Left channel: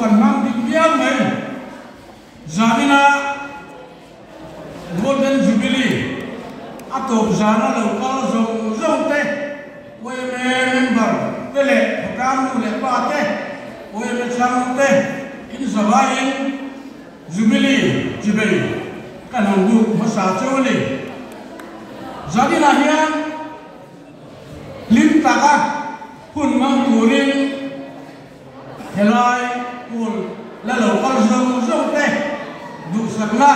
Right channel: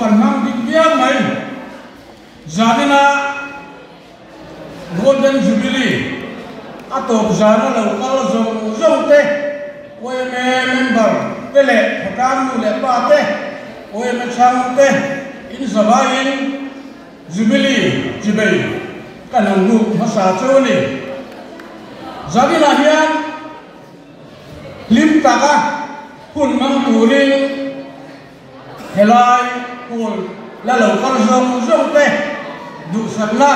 phần mang định viết mấy Zamina Golden Jubilee atop zana lo kala zo te we member tele kam le ta te we me cham te in zabain Jubilee jibai kan lu masa choni Zamina hian lim taka kun mang turin helai kun la lo kala zo te du sakna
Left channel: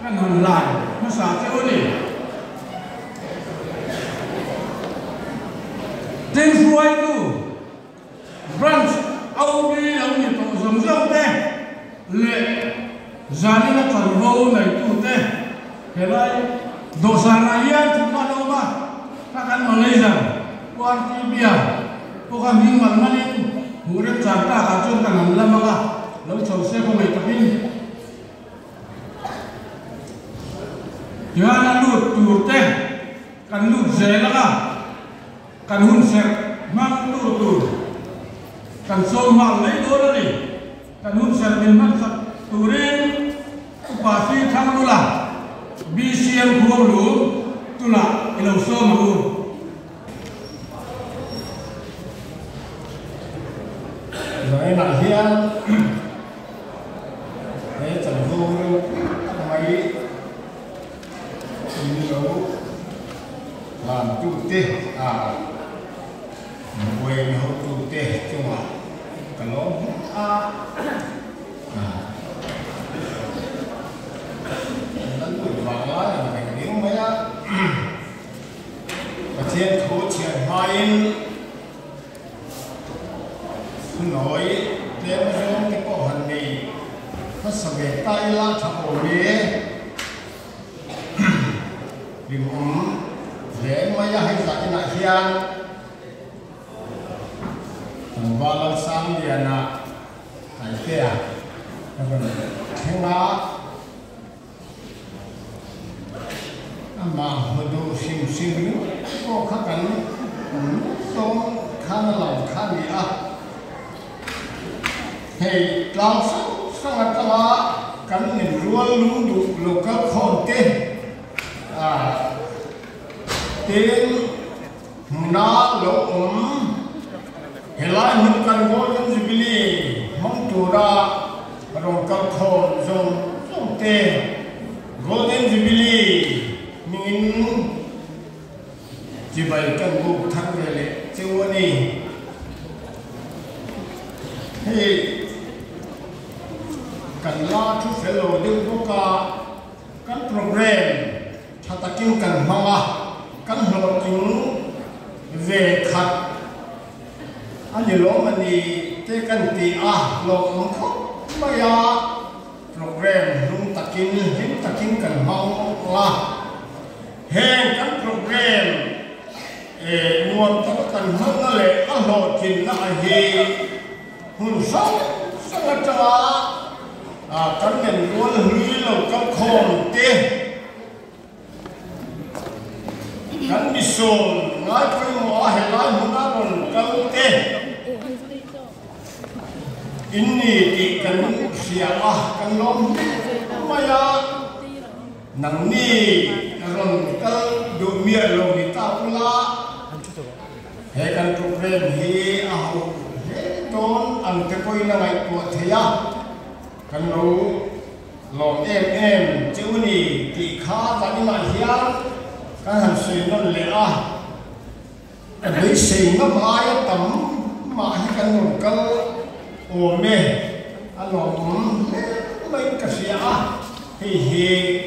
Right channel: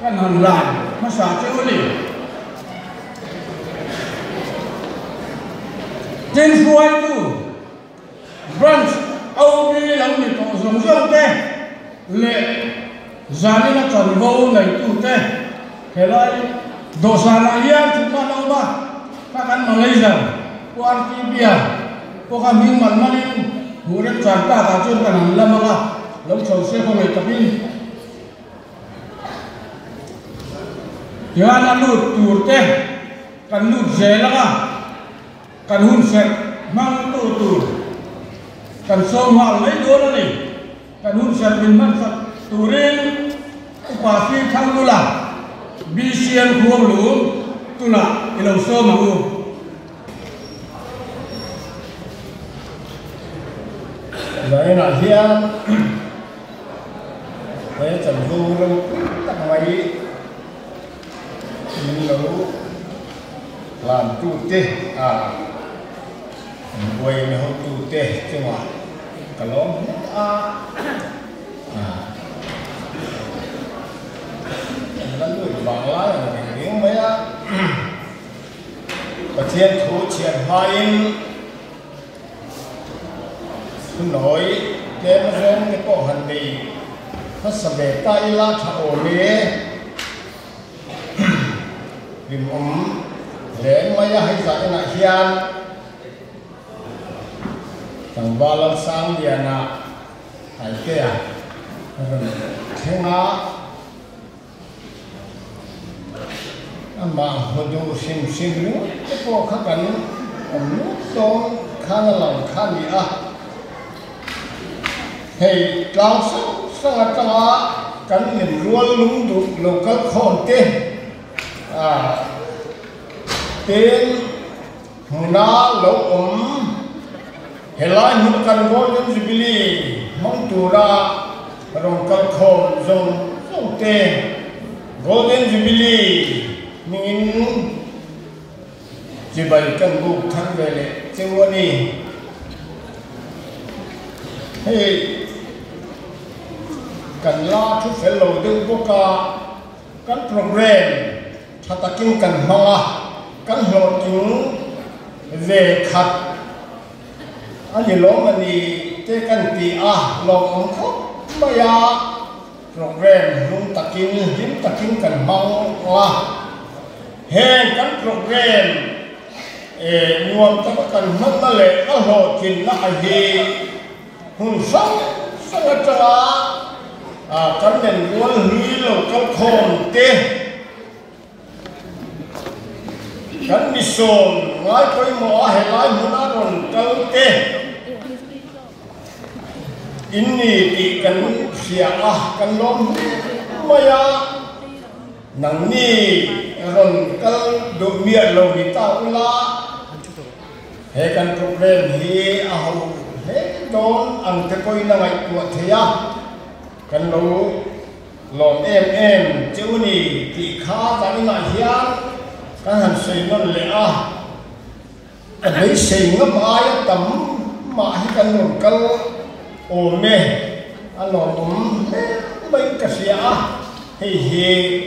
kan han lai masa choni tên phôi tu branch âu đi làm gì còn giống giống thế lệ giá nó còn vô này tu thế thế lại đồ sản này chúng ta đâu ba các anh mà lấy rằng quan ti bia có cả mình mà mình muốn được trả cả cho cả mình làm mà lấy chầu xe của mình tập in giờ anh lụt tuột thế cần lụt dễ lắm kan hun set mang tur kan so ma lấy đó là đi kan hun set bin man sat turin upasi thang la bcm khur lu tula ilo so mu lại là hiang để chẳng du mấy nhiều làm tu tê quay mà không tu tê chứ mà cái lỗ nó được vào là những mấy và thiên thủ triển khai không nói đến đến cái cổ hành đi nó sẽ để tay là thầu đi vì để mấy hay giải là hiền thằng ba lần sáng đi à tại kia thiên á mà hồi đầu xin lúc có các bạn có khá là lòng khá gì à thì lao sống sang là ta cắn nhìn luôn luôn đủ lục các khôn tên tên na lo helai nu kan golden jubilee mong tura rong ka khom zong te golden jubilee mingin jibai kan bu thang vele chewani hey kan la thu fellow de boka kan program thatakin kan hawa kan hlo chung về khát anh nhìn lỗ mình đi tới căn tì lòng ống khóc bây giờ program luôn takin cần mong hẹn căn program nguồn tất cần mong là lệ ở hồ trình là gì hồn sống sang cho căn nền luôn hủy lâu căn khôn tê kan bison ngai koi mo a helai muna ron kal te inni ti kan sia kan lom maya nang ni ron kal do mia lo ni ta pula he kan program hi a ho he don ang te koi na mai ko thia kan lo lom em chu ni ti kha kan na hian cái hành sinh nó lẽ lấy sinh nó mãi tấm mãi cái nồng câu ổn nè anh nói mấy cái gì thì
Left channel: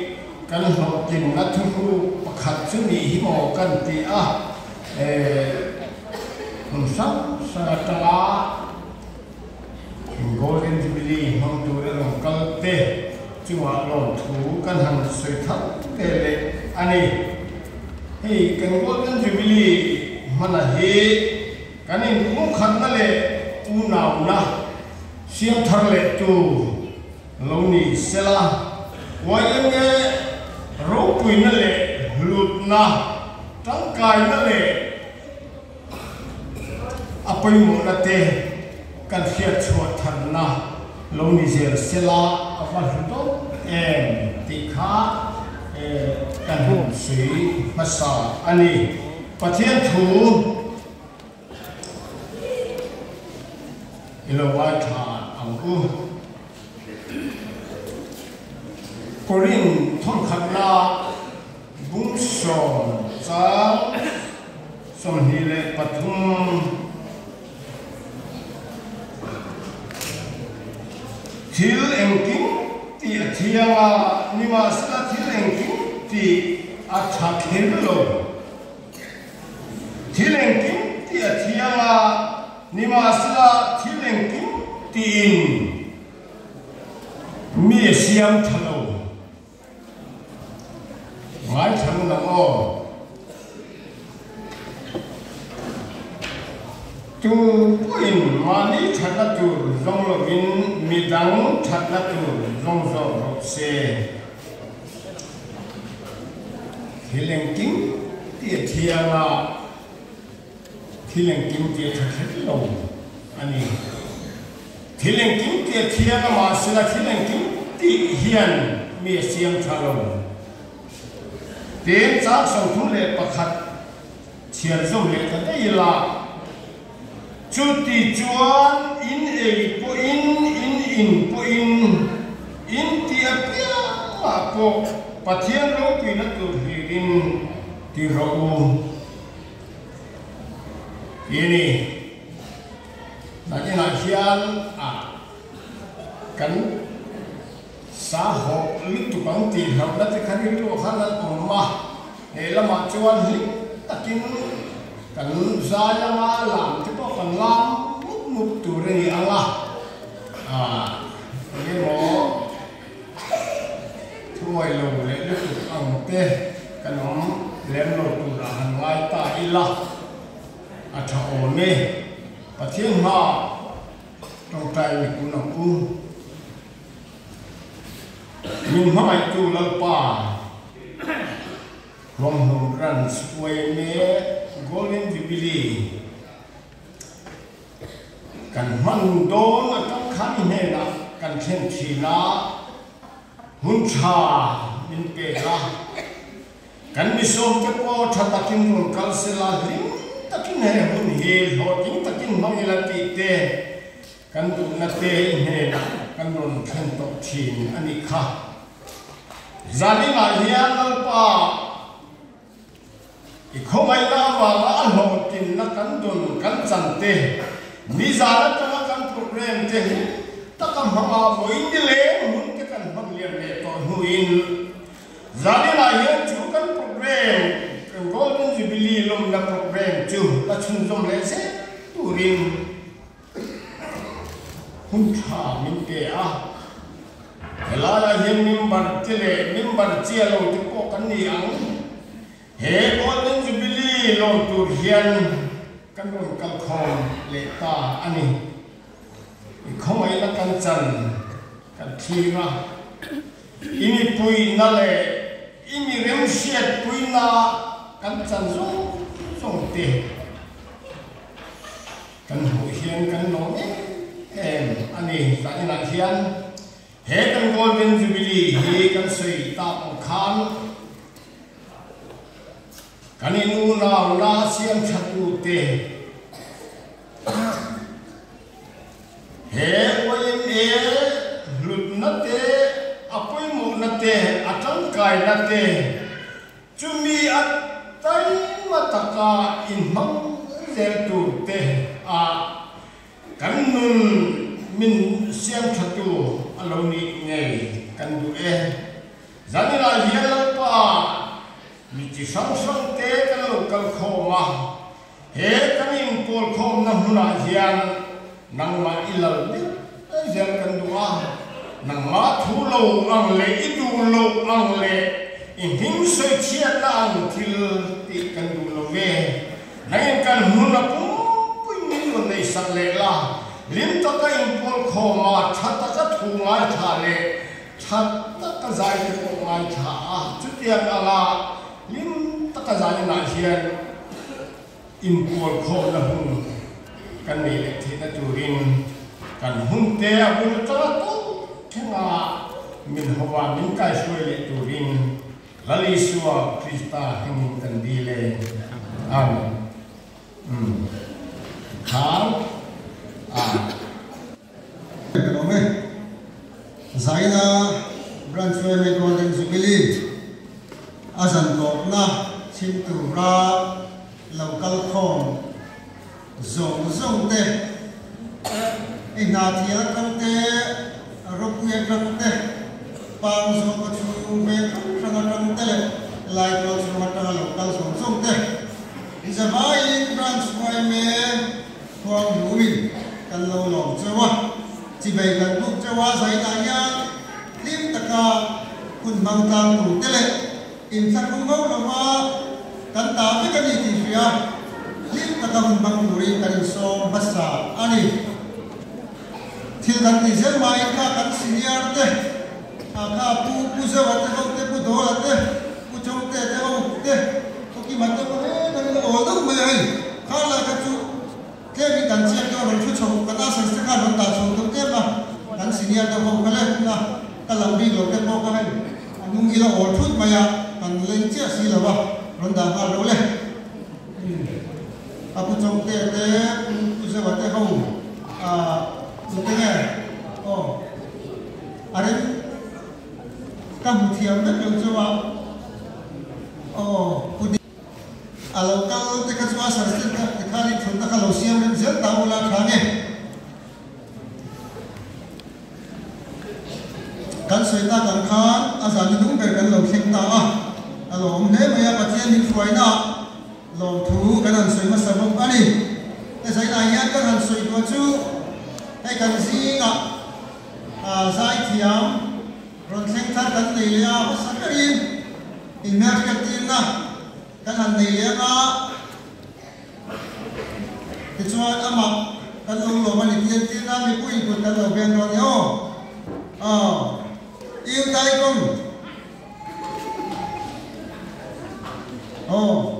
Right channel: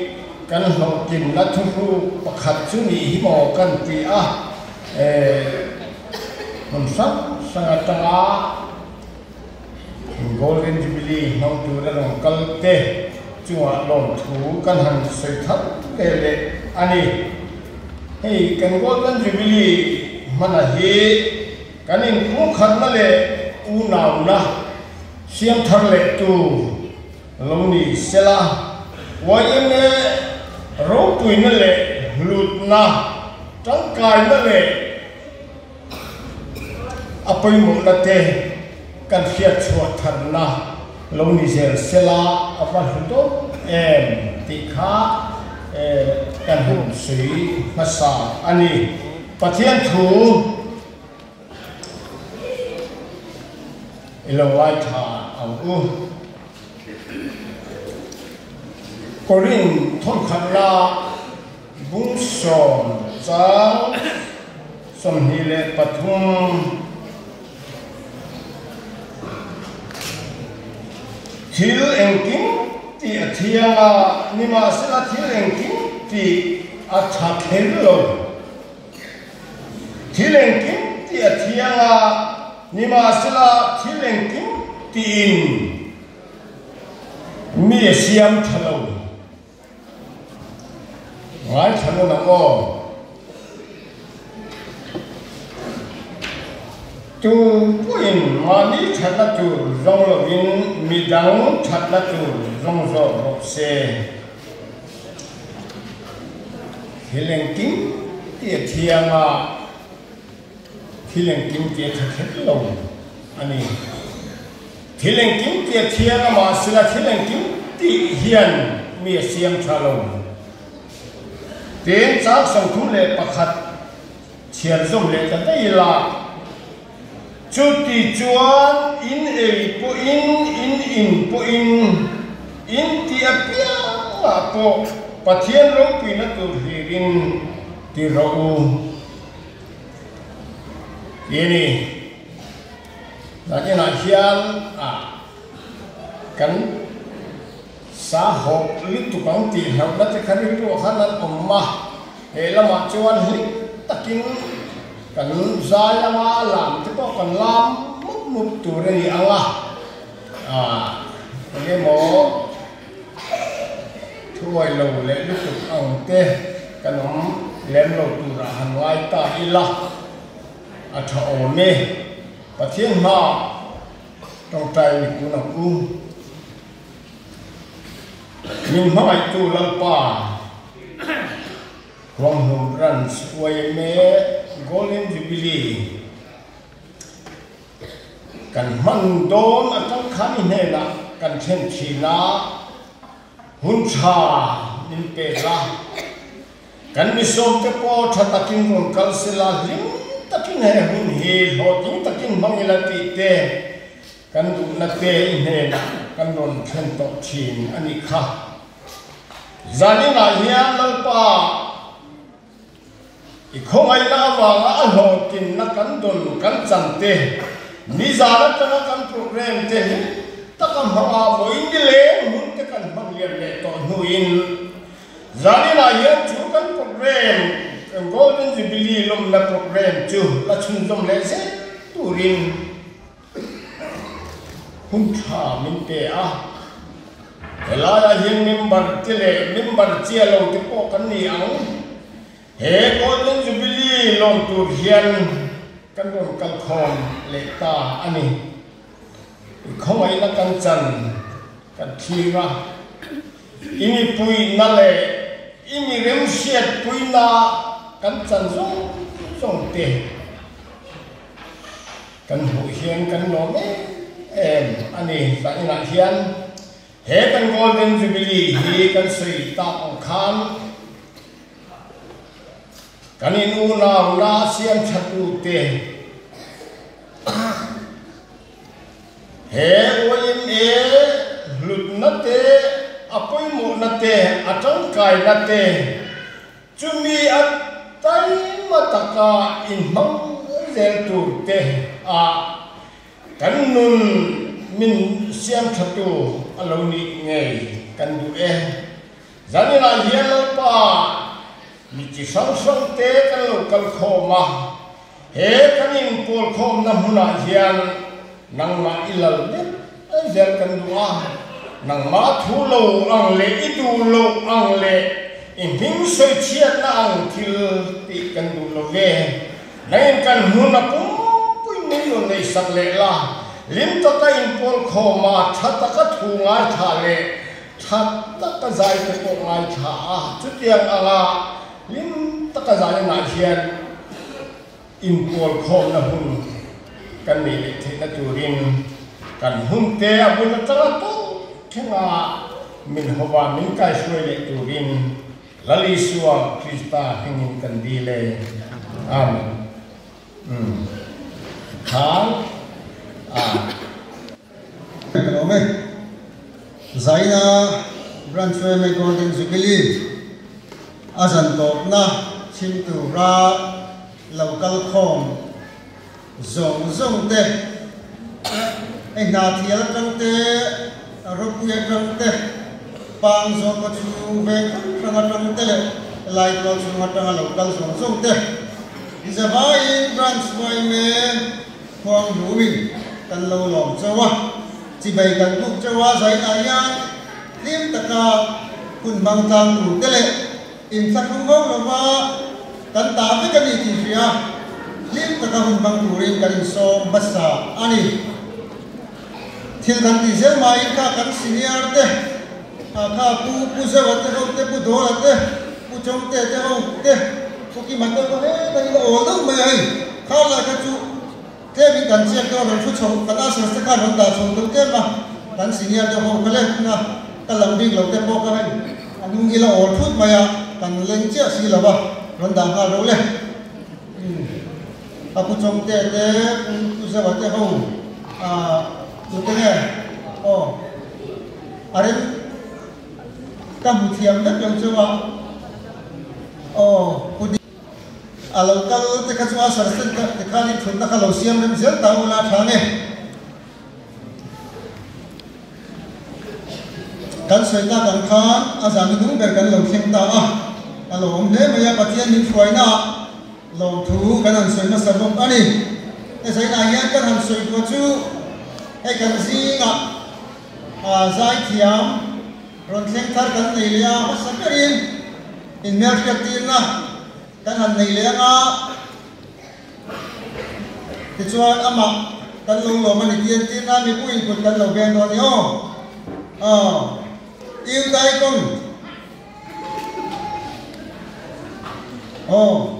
cái nó tìm nó thu thu khát chú nghĩ bỏ cái gì mình sắp sang ta golden jubilee nó tu ra nồng câu tê chúa lòng thú cái hành sinh thấp cái lệ anh hey kan golden jubilee mana he kanin mu khat na le u naw na siam thar le tu loni sela wayin ne ro puin na le lut na tang kai na le apai mu na te kan fiat chua than na lâu ni ser sela apa hito tikha kan hum sui masa ani pathian thu ilawai tha angku korin thon khamra bung som cha somhile pathum thil engking ti athia nima sala thil engking ti atha khelo thil engking ti athia nima sala thil engking tin mi siam thalo wai thalo na ko tu puin mani thana tu zong win midang thana tu zong zo se hilengking ti thiama hilengking ti thelo ani hilengking ti thiama ma sila hilengking ti hian mi siam thalo ten sa sang thu le pakhat thian zo le ka dai la chuti chuan in pu in ti apia po pathian ro pina tu hirin ti ro yeni na hian kan sa ho li tu bang ti na la te khan ri tu khan la umma he la ma chuan hi takin kan zai ma lam te ko kan lam muk tu re anga le mo thuai lo le lu tu ang te kan lem lo tu ra ngai ta ila atha o me ta thiên na trong trai ku na ku nhưng mai tu la pa long hu ran sway me golden jubilee kan man don atam khami ne na kan chen thila hun cha nin pe la kan mi som te po tha takin ron kal sila ling takin he hun he ho tin takin mang ila ti te kan du na te ne kan ron chen to chin ani kha zani na hian mal pa ikhomai na wa a ho tin na kan dun kan chan te ni za na kan program te ta kan ha bo in le mun te kan hang liam le to huin zani na hian chu kan program kan golden jubilee lom na program chu la chun lom le se turin hun tha min te ela ya hian member te le member chia lo te ko kan ni ang he golden jubilee long tur hian kan ron kal khom le ta ani khomai na kan chan kan thira ini pui na le ini rem siat pui na kan chan zong te kan hu hian kan no ani sa ina hian he kan golden jubilee hi kan sei ta ang khan kaninu na siam chatu te he oin lut na te apoi mo na te atang kai na te chumi at tai mataka in mang zel tu te kan mun min siam chatu aloni nge kan du zanira hian pa mi chi sang te kan khoma he kan in pol khom na huna hian nang ma ilal de zel kan du'a nang ma thu lo ang le idu lo ang le in hing so chia na ang thil ti kan du lo ve nai kan huna pui min lo nei sak le la lim to ka in pol khoma thata ka thu ngai tha le thata ka zai ko ngai tha chu tiang anga lim taka zai na hian impol khom na hun kan mi le the na turin kan hum te abun ta to Thinga min hova min kai suai le turin lali suwa Krista hingin kandile amen khang Kalome Zaina Branchway me golden jubilee azan to na chimtu ra local khom zong te na thial tang te rokuya tang te pang zo ka chu ve tang te lai ko chu ma tang local zong te Zabai Branchway me khom ruin kan lo long chawa chỉ bàyกันทุกจังหวะใส่อาญาทีมตะกาคุณบางจังหลุดเตะอินสักครั้งก็ว่ากันตาไม่กันอีกทีเดียวทีมตะกาคุณบางหลุดเองกันส่งภาษาอันนี้ที่กันที่เจ้ามาอีกกันสิเนียร์เตะข้าผู้เจ้าวัดเตะผู้โดนเตะผู้จงเตะเจ้าเตะผู้ที่มันก็กันก็โอ้ต้องไม่ให้ข้าเลยกันจุเทวิกันเชี่ยก็เราชุดชมกันอาศัยสักการณ์ตาชมตัวเก็บมากันสิ่งนี้ต้องบอกกันเลยนะกันเราดีเราเก็บบอกกันให้อันนี้เราอดทุกไปอ่ะกันเล่นเจ้าสิเราบ้าเราด่ากันเราเลยถ้าผู้ชมเตะผู้เสพเตะเขาสุดท้ายอะไรกันผู้เทียมนั่นยังเชื่อว่าkalau kita cuma sersen kali cuma kalau siang dan siang tahu lah kami kan saya kan asal itu berkan lo kita kalau umne maya kacian ni suai na lo tu kan saya masa bom ani saya ayat kan saya bucu kan singa saya tiam ronteng tar kan dia sekarin in mereka tina kan han nei le nga ti chuan ama kan lo mani tian tin na mi pui kut kan lo ben no yo yêu dai kong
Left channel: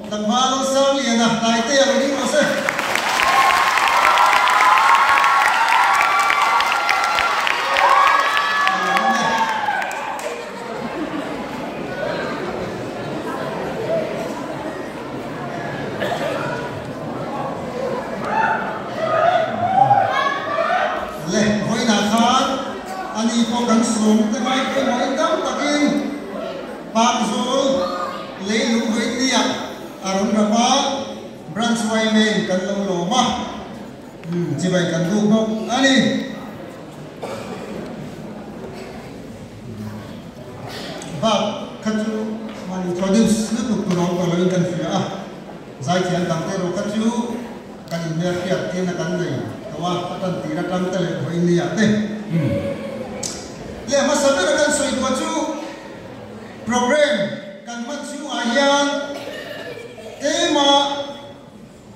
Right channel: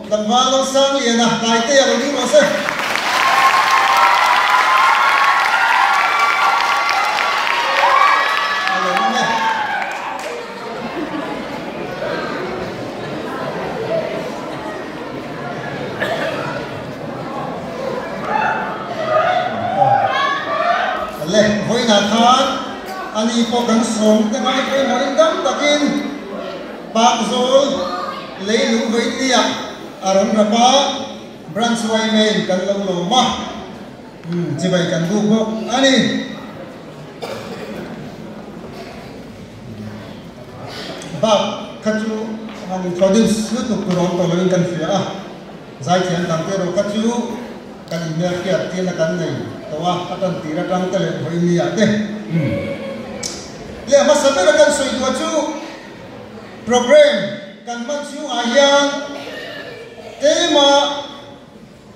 tam ba lo sang li na dai te lo ni mo se ani ko kan som ta ngai ko mai dam takin bak zol leilu hoitia aron rapa Branchway me kan lo ma chibai kan du bo ani ba khachu man introduce lu ku ro ko lo kan fia zai thian kam te ro khachu kan mer kia tin kan nei tawa patan tira tang te le hoi ni ate le masana kan soi tu chu program kan man chu ayang tema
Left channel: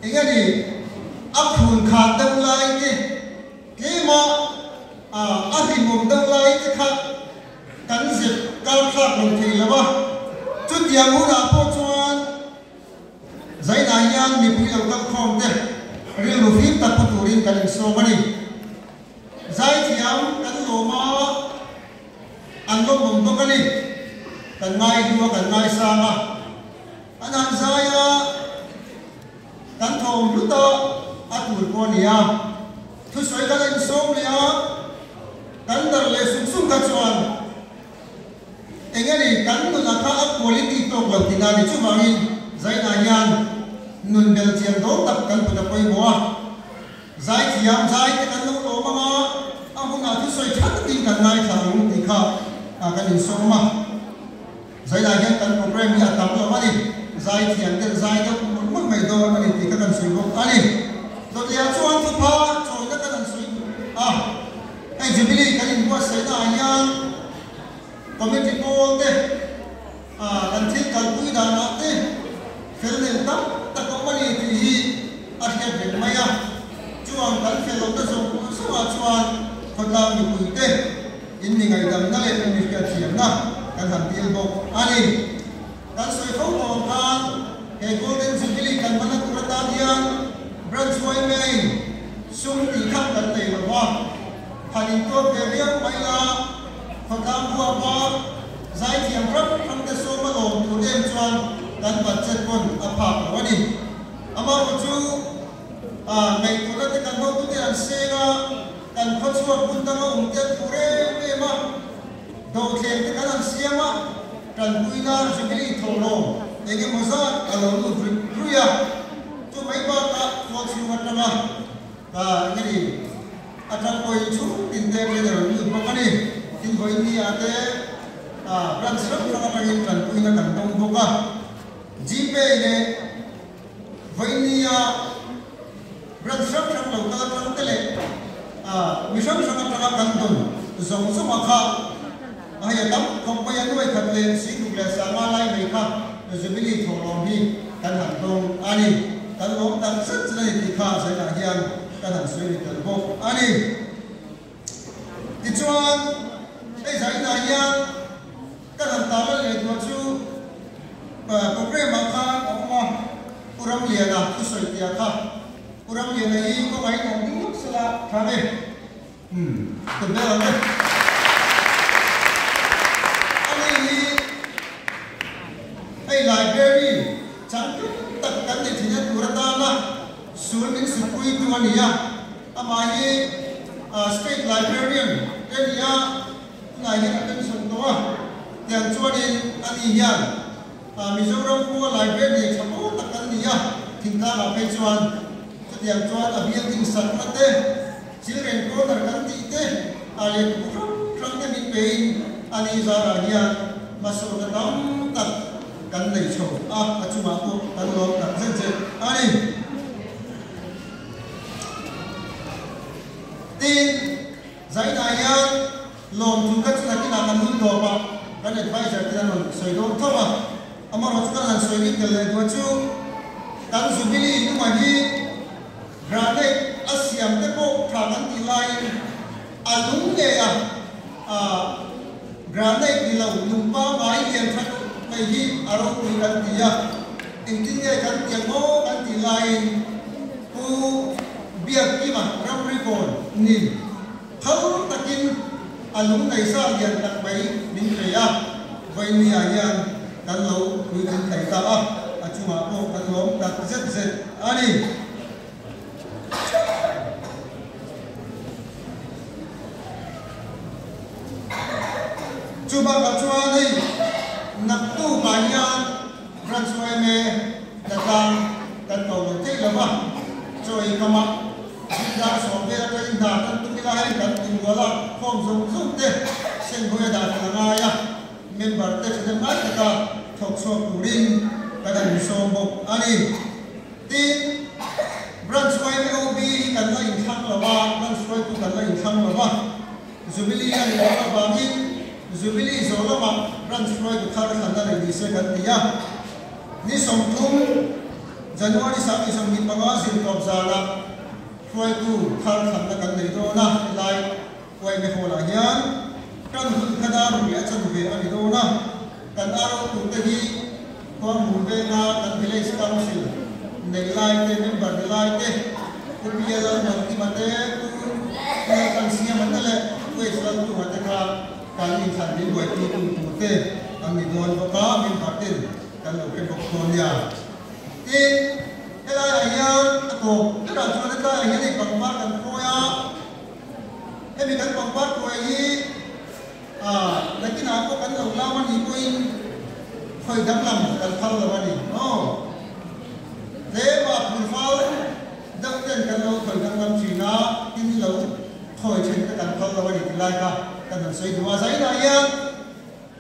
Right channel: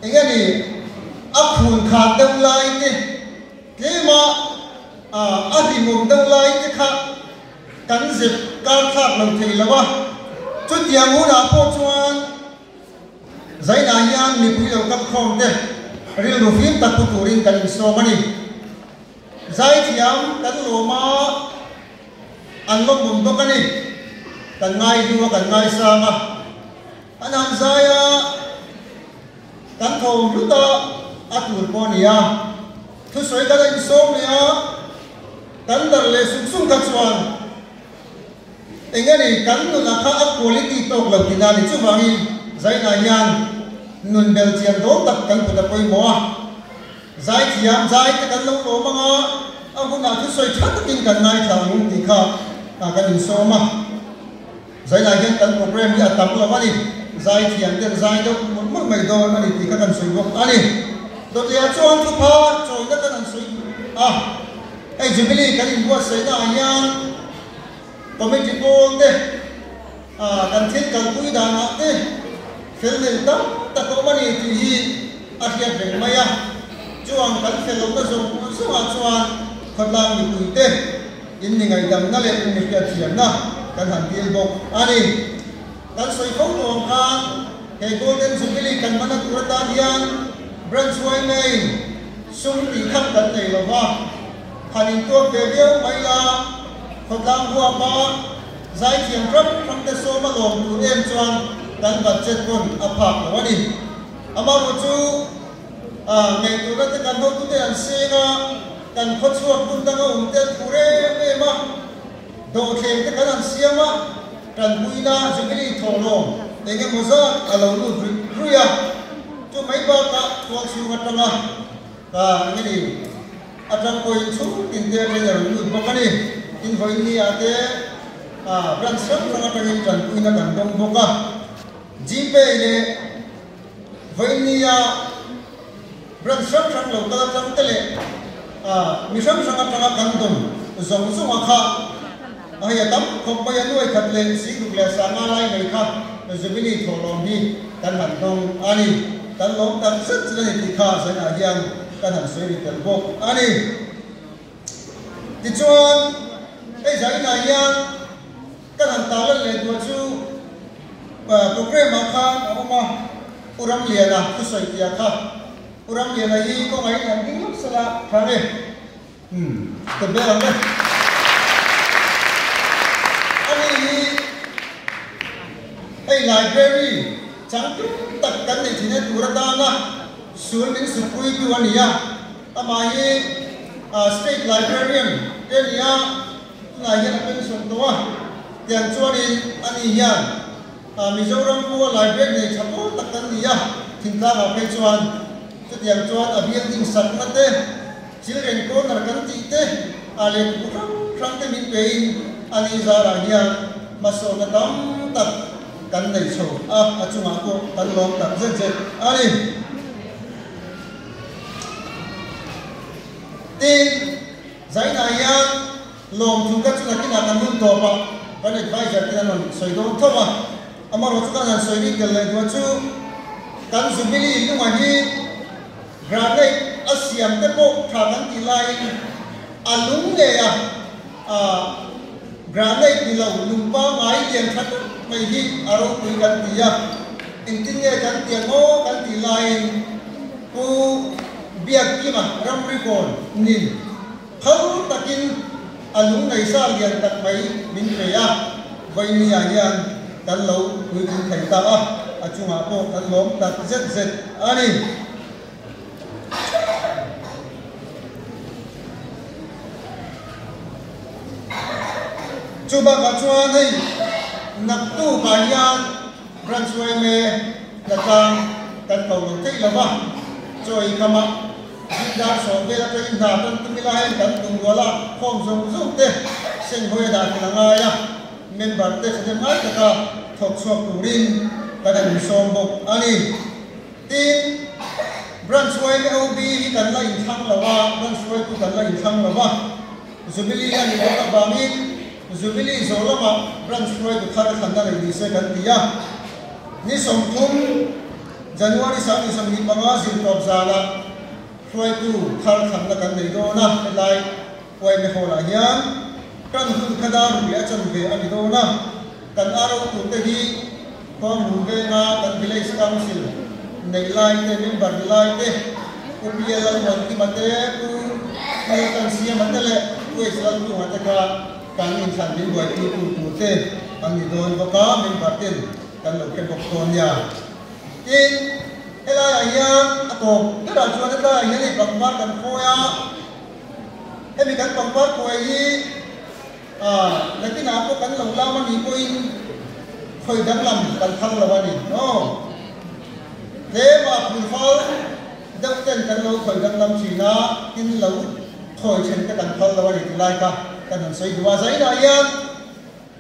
ingani akhun kha dang lai te tema adi ngom dang lai te kha kan zip kan kha long thei lawa chu tiang hu na po chuan zai na yang mi pui lo ka khom te ri lu fin ta pu turin kan so mani zai thiam kan lo ma an lo bom to kani kan ngai du kan ngai sa ma anan zaya kan thom lu ta atur ko nia thu soi ka lai so nia kan dar le sung sung ka chuan engani kan nu na kha a quality to la kinani chu bangi zai na yan nun bel chiam do tak kan pu da poi mo zai thiam zai ka kan lo ko ma aku na thu soi thak tin kan nai thang ti kha kan in so ma zai la hen kan program ya tam lo mani zai thiam den zai do mun mai do mani ti ka kan soi go ani do ya chuan tu pha choi na kan soi ai jubilee kan in ko sai na yan committee tol de kan thit kan pui da na te fel den tam ta ko mani ti hi a hian ben maya chuan kan fel lo na zo so a chuan khotang ni pui te in ni ngai dam na le ni ka thiam na kan han bil bok ani kan soi ko mo ka he golden jubilee kan mana kurata hian Branchway nei sung ti khap kan nei lo wa hanin to be be mai la คนตามหัวมาใจเขียนรับทำแต่โซมาลงตัวเองจวนกันบัดเจ็ดคนอภาพวันนี้อามารู้จูเมตุรัตกันโดตุเดนเซนากันพัชวับุญตั้งองค์เต็มผู้เร่เอมาโดเข็มตะกันเสียมากันบุยนาจุกิริทองลงเด็กมุซ่าอารมณ์รุยาจุไม่บ้าตาทองสุวัตนานี่อาจารย์คอยชุดตินเดร์เลยอย่างนี้พวกนี้ตินคอยนี่อาจจะรันสักครั้งอาจารย์กันบุยนากันตรงพวกจีเป้เนี่ยคอยนี่รันสักครั้งเราก็จะรู้เลยมิชชั่นสักครั้งกันตรงส่งสมัครให้ตั้งคบไปยังด้วยขัดเลนสิ่งทุกอย่างสามารถไล่ไม่ครับจะไม่ได้ทรมานกันหันตรงอันนี้กันลงกันสุดเลยที่ข้าเสียหายยังกันหันสวยดีกันพวกอันนี้ที่ชวนไอ้ใจนายยังกันหันตาเล่นตัวชูโปรแกรมมาค่ะเอามาอุรัมเลียนะผู้สวยดีครับอุรัมเลียนะยี่ก็ไอ้นั่นยิ่งสละทางนี้ตัวเบลล์ ไอ้ไลบรารีจังทุกตัดกันในที่นี้ตัวตามาส่วนหนึ่งสุดคุยตัวนี้อามาเย่state librarian เดี๋ยวนี้นายยังเป็นส่วนตัวอย่างชวนนี้อันนี้ยังมิโซรัมพัว library จะพูดตัดกันนี้ทิ้งท้ายมาเป็นชวนจุดอย่างชวนอภิยังทิ้งสัตว์นั่นเองชื่อเรียนโปรตัดกันที่เต้อะไรผู้ครั้งที่มีเป็นอันนี้จะอะไรยังมาส่งกันตัดกันในโชว์อาจุมาโกกันลองกับเจ๊อันนี้ที่ใจนายยังลงทุนกันสุดที่นักการเมืองตัวปะกันในไฟจะเป็นอะไรสวยงามทั่วมาอามารู้จักกันสวยดีกันเลยว่าจูกันสุบิลีนุ่มฮีกราเนอาเซียนเตโกทางกันที่ไลน์อาลุงเนี่ยกราเนที่เรานุ่มป้าไม้เลี้ยงชัดไม่ดีอารมณ์คุยกันที่จริงๆเนี่ยกันเตียงโง่กันที่ไลน์กูเบียร์ที่มารับริกอนนี่เขาตะกินอารมณ์ในสายยันตัดไปมินเรียไว้นี่ยังกันเราคุยกันแข่งตาอาจุมาโตกันล้มตัดเสร็จอันนี้จุบักจุอันนี้นักตู้ปายันรันสวยเมย์นักการกันเก่าหนึ่งที่ละว่าช่วยขมักจิตดาสองเวลาไปอินดาตันตุมิลาให้กันตุงวลาข้อมส่งส่งเตะเส้นหวยดาทางอายะเมมเบอร์เตะจะมาตะกาทกชอบตูรินกันเป็นสองบุกอันนี้ที่รันสวยเมย์บีกันไล่ทั้งละว่ารันสวยกันไล่ทั้งละว่าจุบิลีอันนี้ก็บางทีจุบิลีโซลามารันสวยก็ขาดขันกันในเส้นกันที่นี่สมทุนจันวารีสักที่สมิปังอาสินกับซาลาช่วยกู้ขาดขันกันในโดนะในไว้ไม่พอละยังกันหุ่นขดารุยอาจารย์เวอันนี้โดนะกันอารมณ์ตุเตหีความมุ่งเวนะกันพิเลสกังสิในไลน์เตมิบันไลน์เตอุปยาลังมันที่มาเตกูกันเสียมันนั่นแหละกูเอสลังกูมาเตกาการอินสันดีไว้ที่กูตุเตอันนี้โดนก็ป้ามินพัดเตกันเราเป็นบุคคลเนี่ยที่เวลาอย่างนี้ตัวที่เราชวนได้อย่างนี้กับวัดกันโคยมีการกับวัดโคยในที่น้ำก็กันเราล่ามันมีโคยเคยดับลำกันทั้งละวันนี้เดี๋ยวพูดเขาดับเต้นกันเราเคยดับลำชีนะที่เราเคยเช่นกันทั้งละวันนี้ที่ไรกันกันนั่นสวยดูว่าใจนายยัง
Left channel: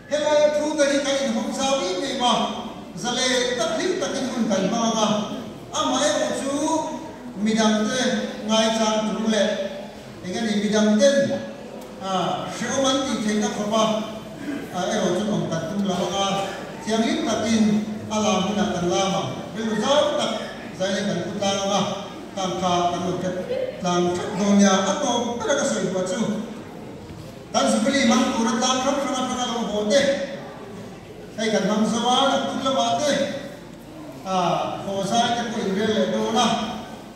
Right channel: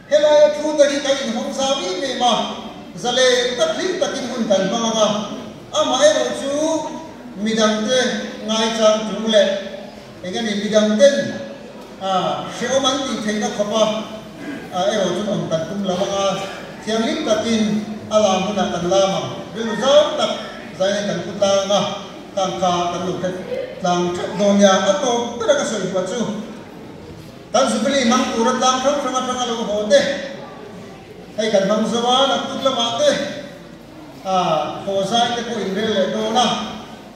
เวลาพูดกันที่กันของสามีไม่มาจะเลยตัดลิ้นตัดกินคนกันบ้างอามาเอรูจูมีดังเต้ง่ายจังจุงเล่เองนี่มีดังเต้เชื่อมันที่เทงกับเขาเอรูจูองตัดตุ้มละว่าเที่ยงลิ้นตัดกินอาลามุนันลามาเรื่องจ้าตัดใจกันตุตามาตั้งคากันลุกกันหลังชุดโดนยาอัตโตก็ได้ก็สวยกว่าจูตั้งสุบลีมันตุรตามพระพระพระเราโหดเต้ให้กันทำสวรรค์ตุลบาเต้โคซายตะกุอินเร่โดนะ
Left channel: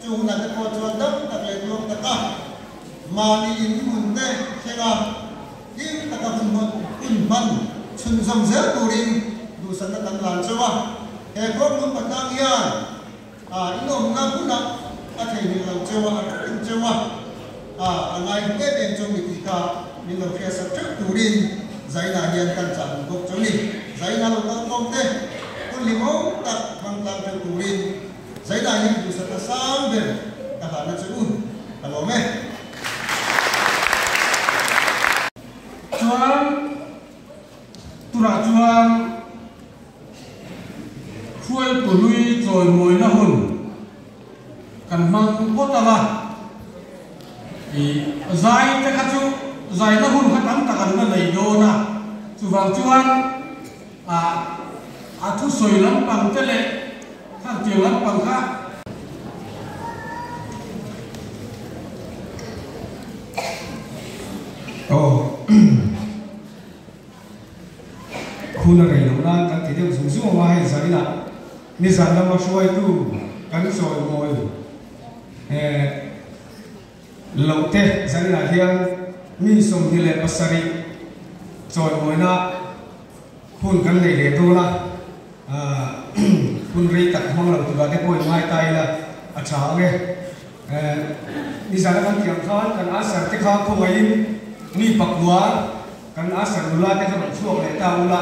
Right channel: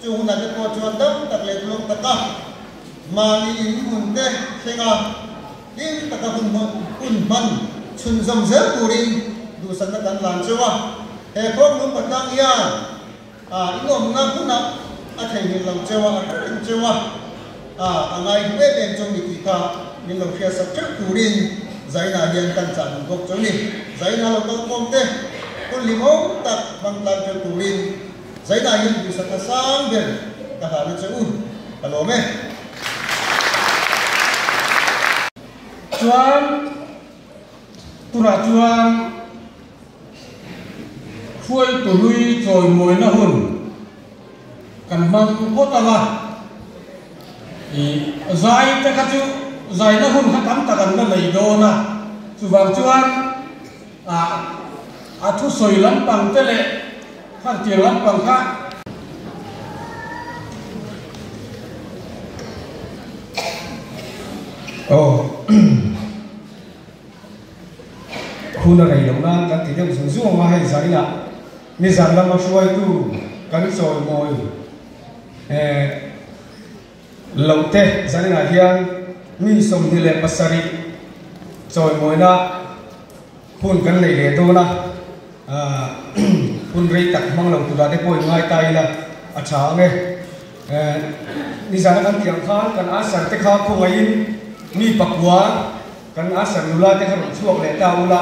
จูนักตัวจวนดำตะเล็กลงตะกะมาลีอินมุนเต้เชงายิ่งตะก các hun man chun dòng dễ turin du san na kan lan chewa he khom num patang ya inom na kuna a thei ni lo chewa in chewa angai he den chung ni tika ni lo khia sa chak turin zaina hian kan chan gok choni zaina lo kom te kun limo tak bang lam chu turin zaina hian du san na sang ber ta ha na chu alo me chuan tura chuan khuai tu lui choi moi na hun kan mang ko ta la i zai ta ka chu zai na hun ha tam ta kan na nei do na chu wang chuan a thu soi lam pang te le khang tiang lam pang kha khu này lâu nay các thị trường dùng dụng mà hay gì là như rằng là một số itu kan rồi ngồi lâu tết giờ này hiang mi sông đi lên pasari rồi ngồi na phun kan lấy ghế đâu na phun rây tắc mong lâu tụi để bồi ngay tay là cháo này như rằng kan tiếng khán kan asar tết khá không ai mi bạc quá kan asar nula tết khá chuộc lệ cao nula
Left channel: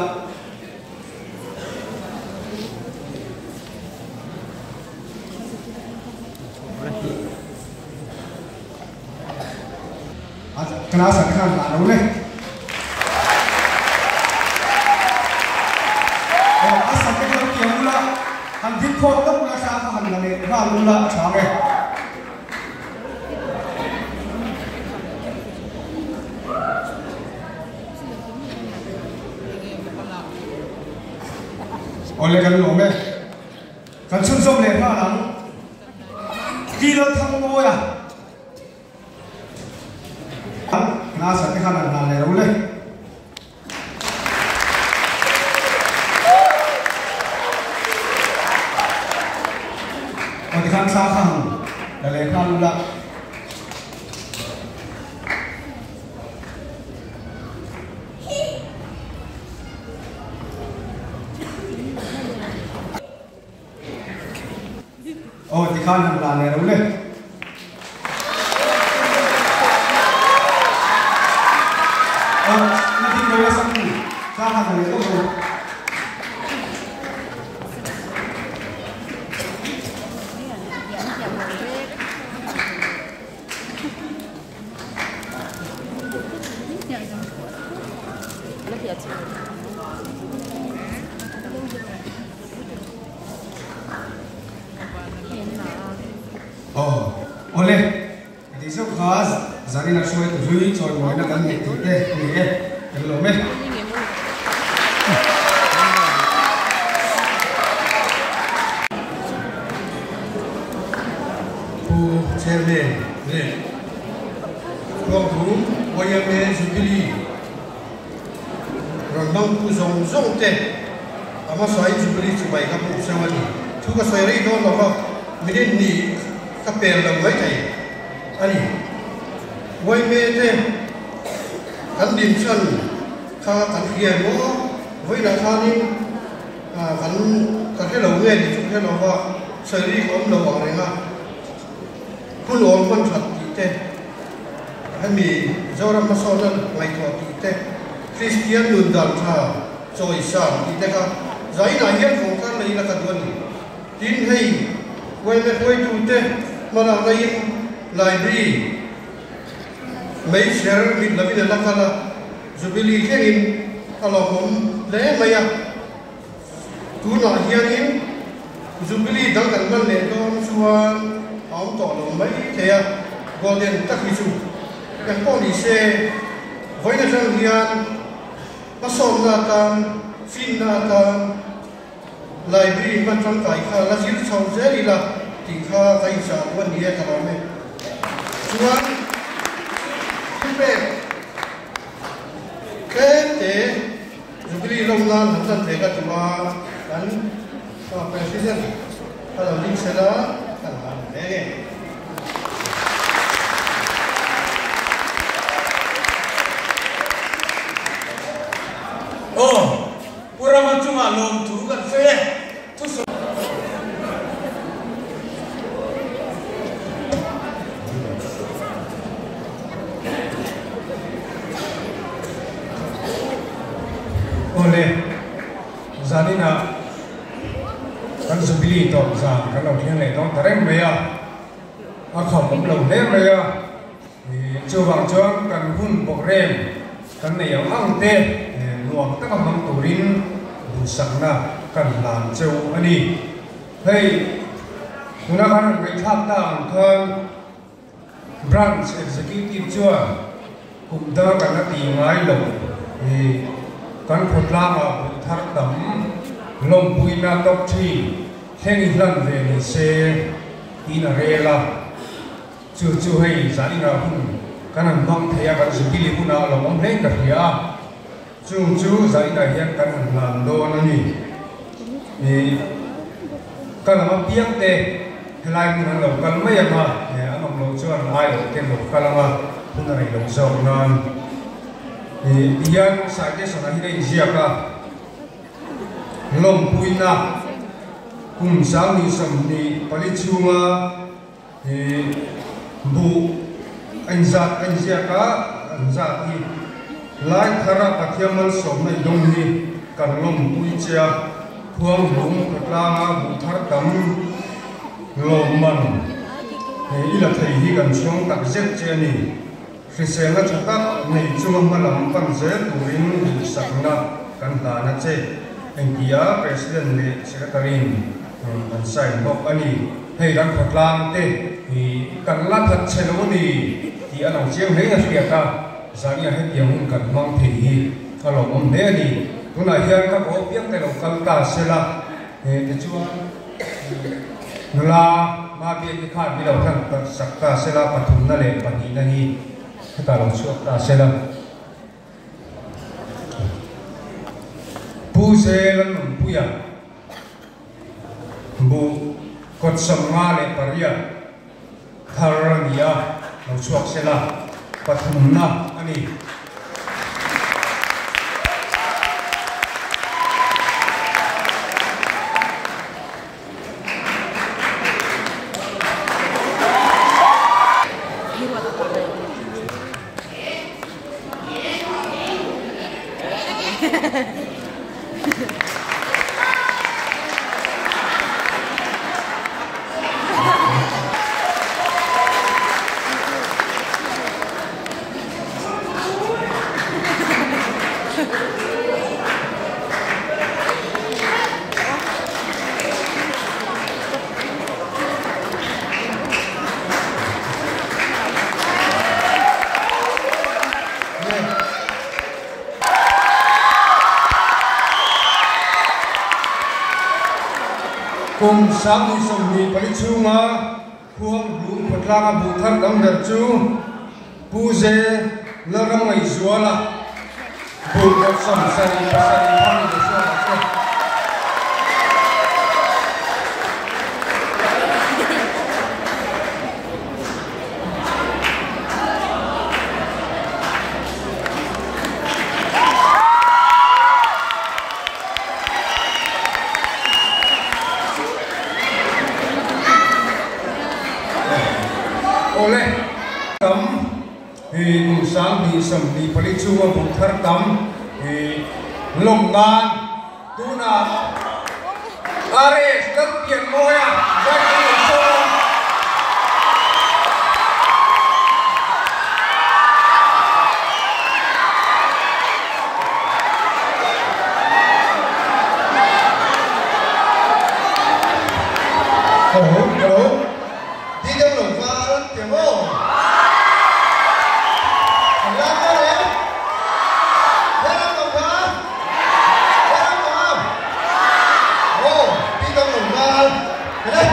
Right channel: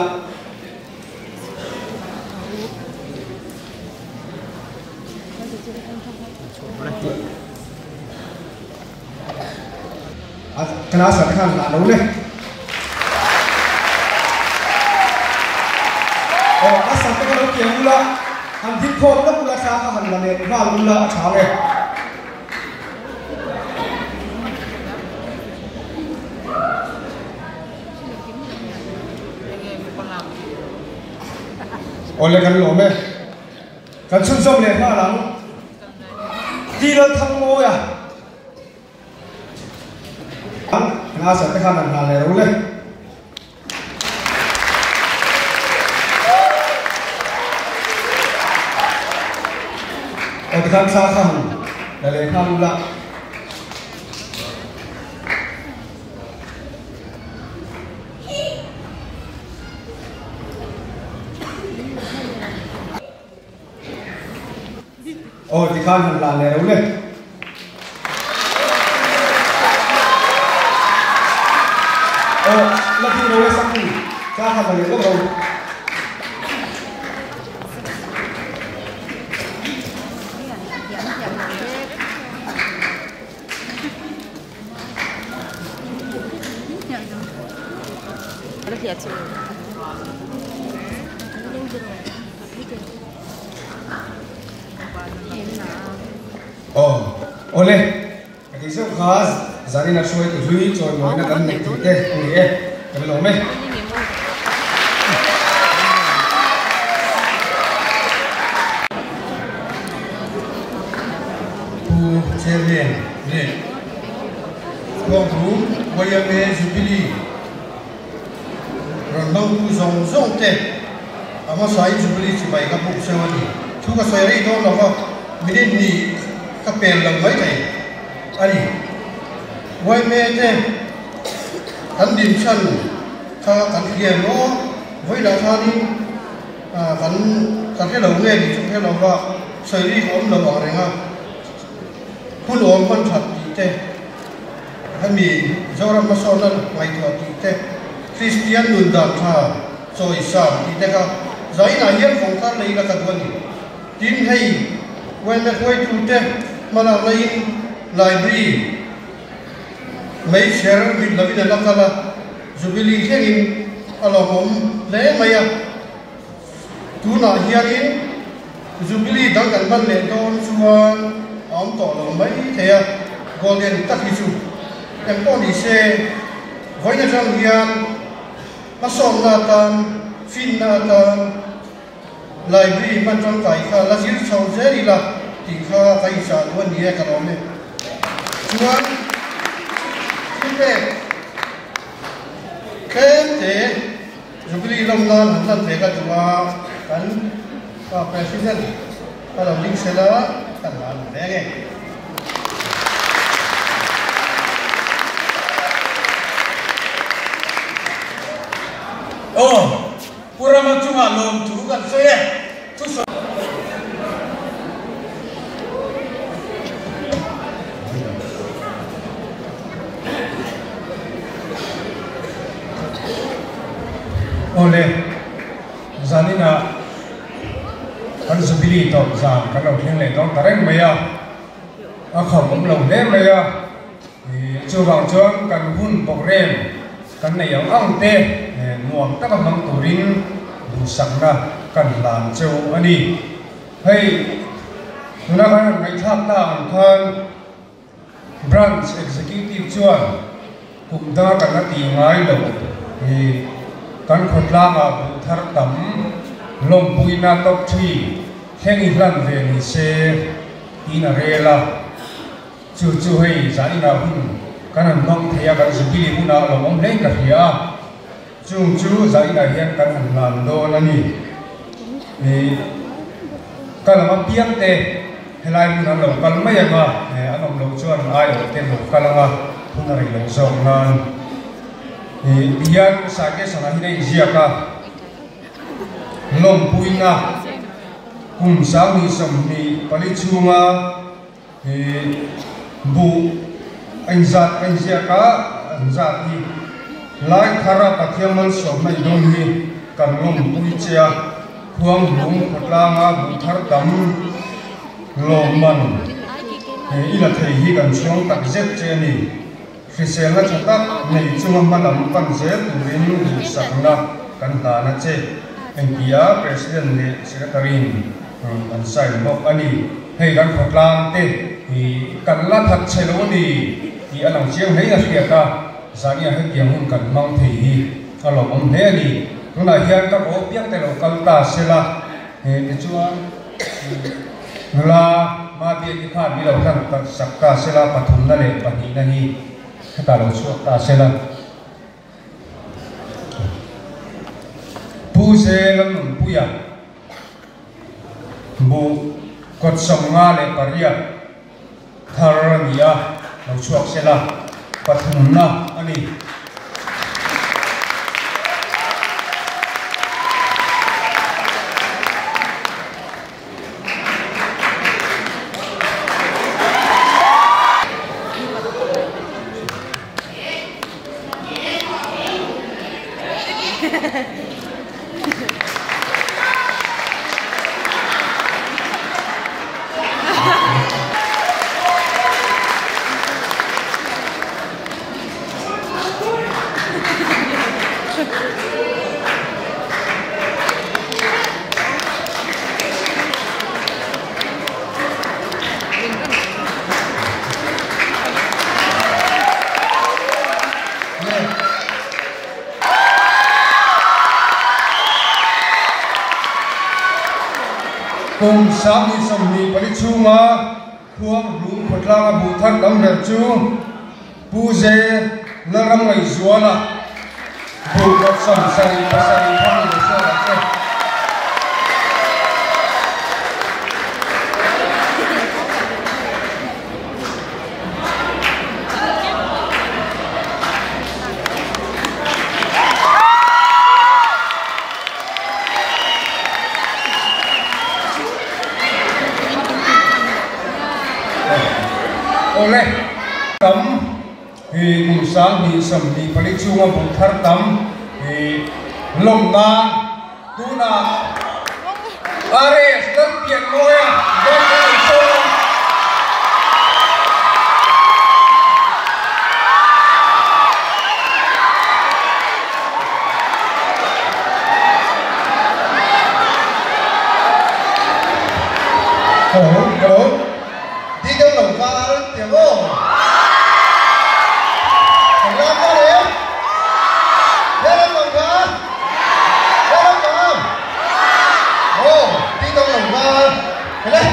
kena sakan anu leh. Asal kita kian mula, hanti kau tak mula sah hantu ni, nak mula cakap. Oleh kerana ni, kan susah leh malam, kita tangguh ya. Nasa te khan na le rule o khan sa khan na le khan la o khan na le rule oleh di sini khas zari nak show itu rui coy mau nak kan ni tapi lama chairman ni Gong YMA Jubilee Rondong Pusong Song Te ama sai Jubilee cubai kapu sewani tu ka sai ri don lo minit ni kapel lam mai kai ani YMA te kan din chan ka kan hian no voi la kha ni kan he lo nge ni he lo wa sai ri kon lo wa re nga kun on man that ti te ami zoram ma son nan mai to ti te Christian nun dan tha choi sa ti te ka zai na hian phong kan nei la ka don tin hei wen le koi tu te mana nei library mấy share mit la vida la kala Jubilee kengin ala hom le maya tu na hianin Jubilee dang kan ban le don suan om to lo mai thea golden takhichu yang ko ni se voi na jang hian masom na tan fin na tan library man jang kai kha la jin chau je ni la ti kha kai sa wan ni ka lo ne chuan Kete Jubilee long nan han te ka tuma kan pa president para ling sela kan han lege Pura macunga lom tu kan saya tu oleh zanina kan sebili top zan kalau hiang le dong tareng maya akham lom le maya chuang chuan kan hun bok rem kan nei yang ang te nuam ta kan mang turin busakna kan lam cheu ani hei tuna kan ngai thak ta kan branch executive chuan kumda kan ti ngai lo kan khotlanga thar tam lom puina top 3 hengi hlan ve ni se ina rela chu hei zanina hun kan nong thaya kan sukili una lo mong hlei ka hia chu zanina hian kan hlan do lani kan ma piang te helai mun lo kal mai ma anom lo chuan ai te lo kalanga hun rai lo zong nan biar saja sana ini siapa lom puina kum sami samni palicunga bu anjat siapa anjati lai khara pathiaman somai dongni kan lom puicha khuang lung khatlanga bu thar tam loman ila thei hi kan chong tak zet cheni Fisela cepat nei cuma malam panzen urin sakna kan tana ce engkia presiden ni sekretarin ansai nok ani hei dan khotlang te hi kan la that chelo ni ti anang chiang hei na khiaka sania hei tiang kan mang thei hi alo om he ni tuna hian ka ko piak te lo kal ta sela he chuan la ma bi ki kha ni lo kan ta sakka sela pathum na le pani na hi ta lo chuak ta sela pu se lan puya bu kot samnga le paria tharania lo chuak sela pathum na ani cùng sáng đi sầm đi bấy chu mà khuang lún phật la bù thắt đâm đẹp chu bu dê nó năm ngày xúa là bù gặp sầm sầm sầm thang để xe là xe oleh tam thì cùng sáng thì sầm thì phải lấy chung một thar tam thì lồng na tu na are đất biển môi đất biển sâu Hello. Đi đâu lẩu pha đó, tiểu vô. Thằng Lam qua đấy. Thế đâu lẩu pha. Thế đâu lẩu pha. Ồ, đi đâu lẩu pha. Thế đấy.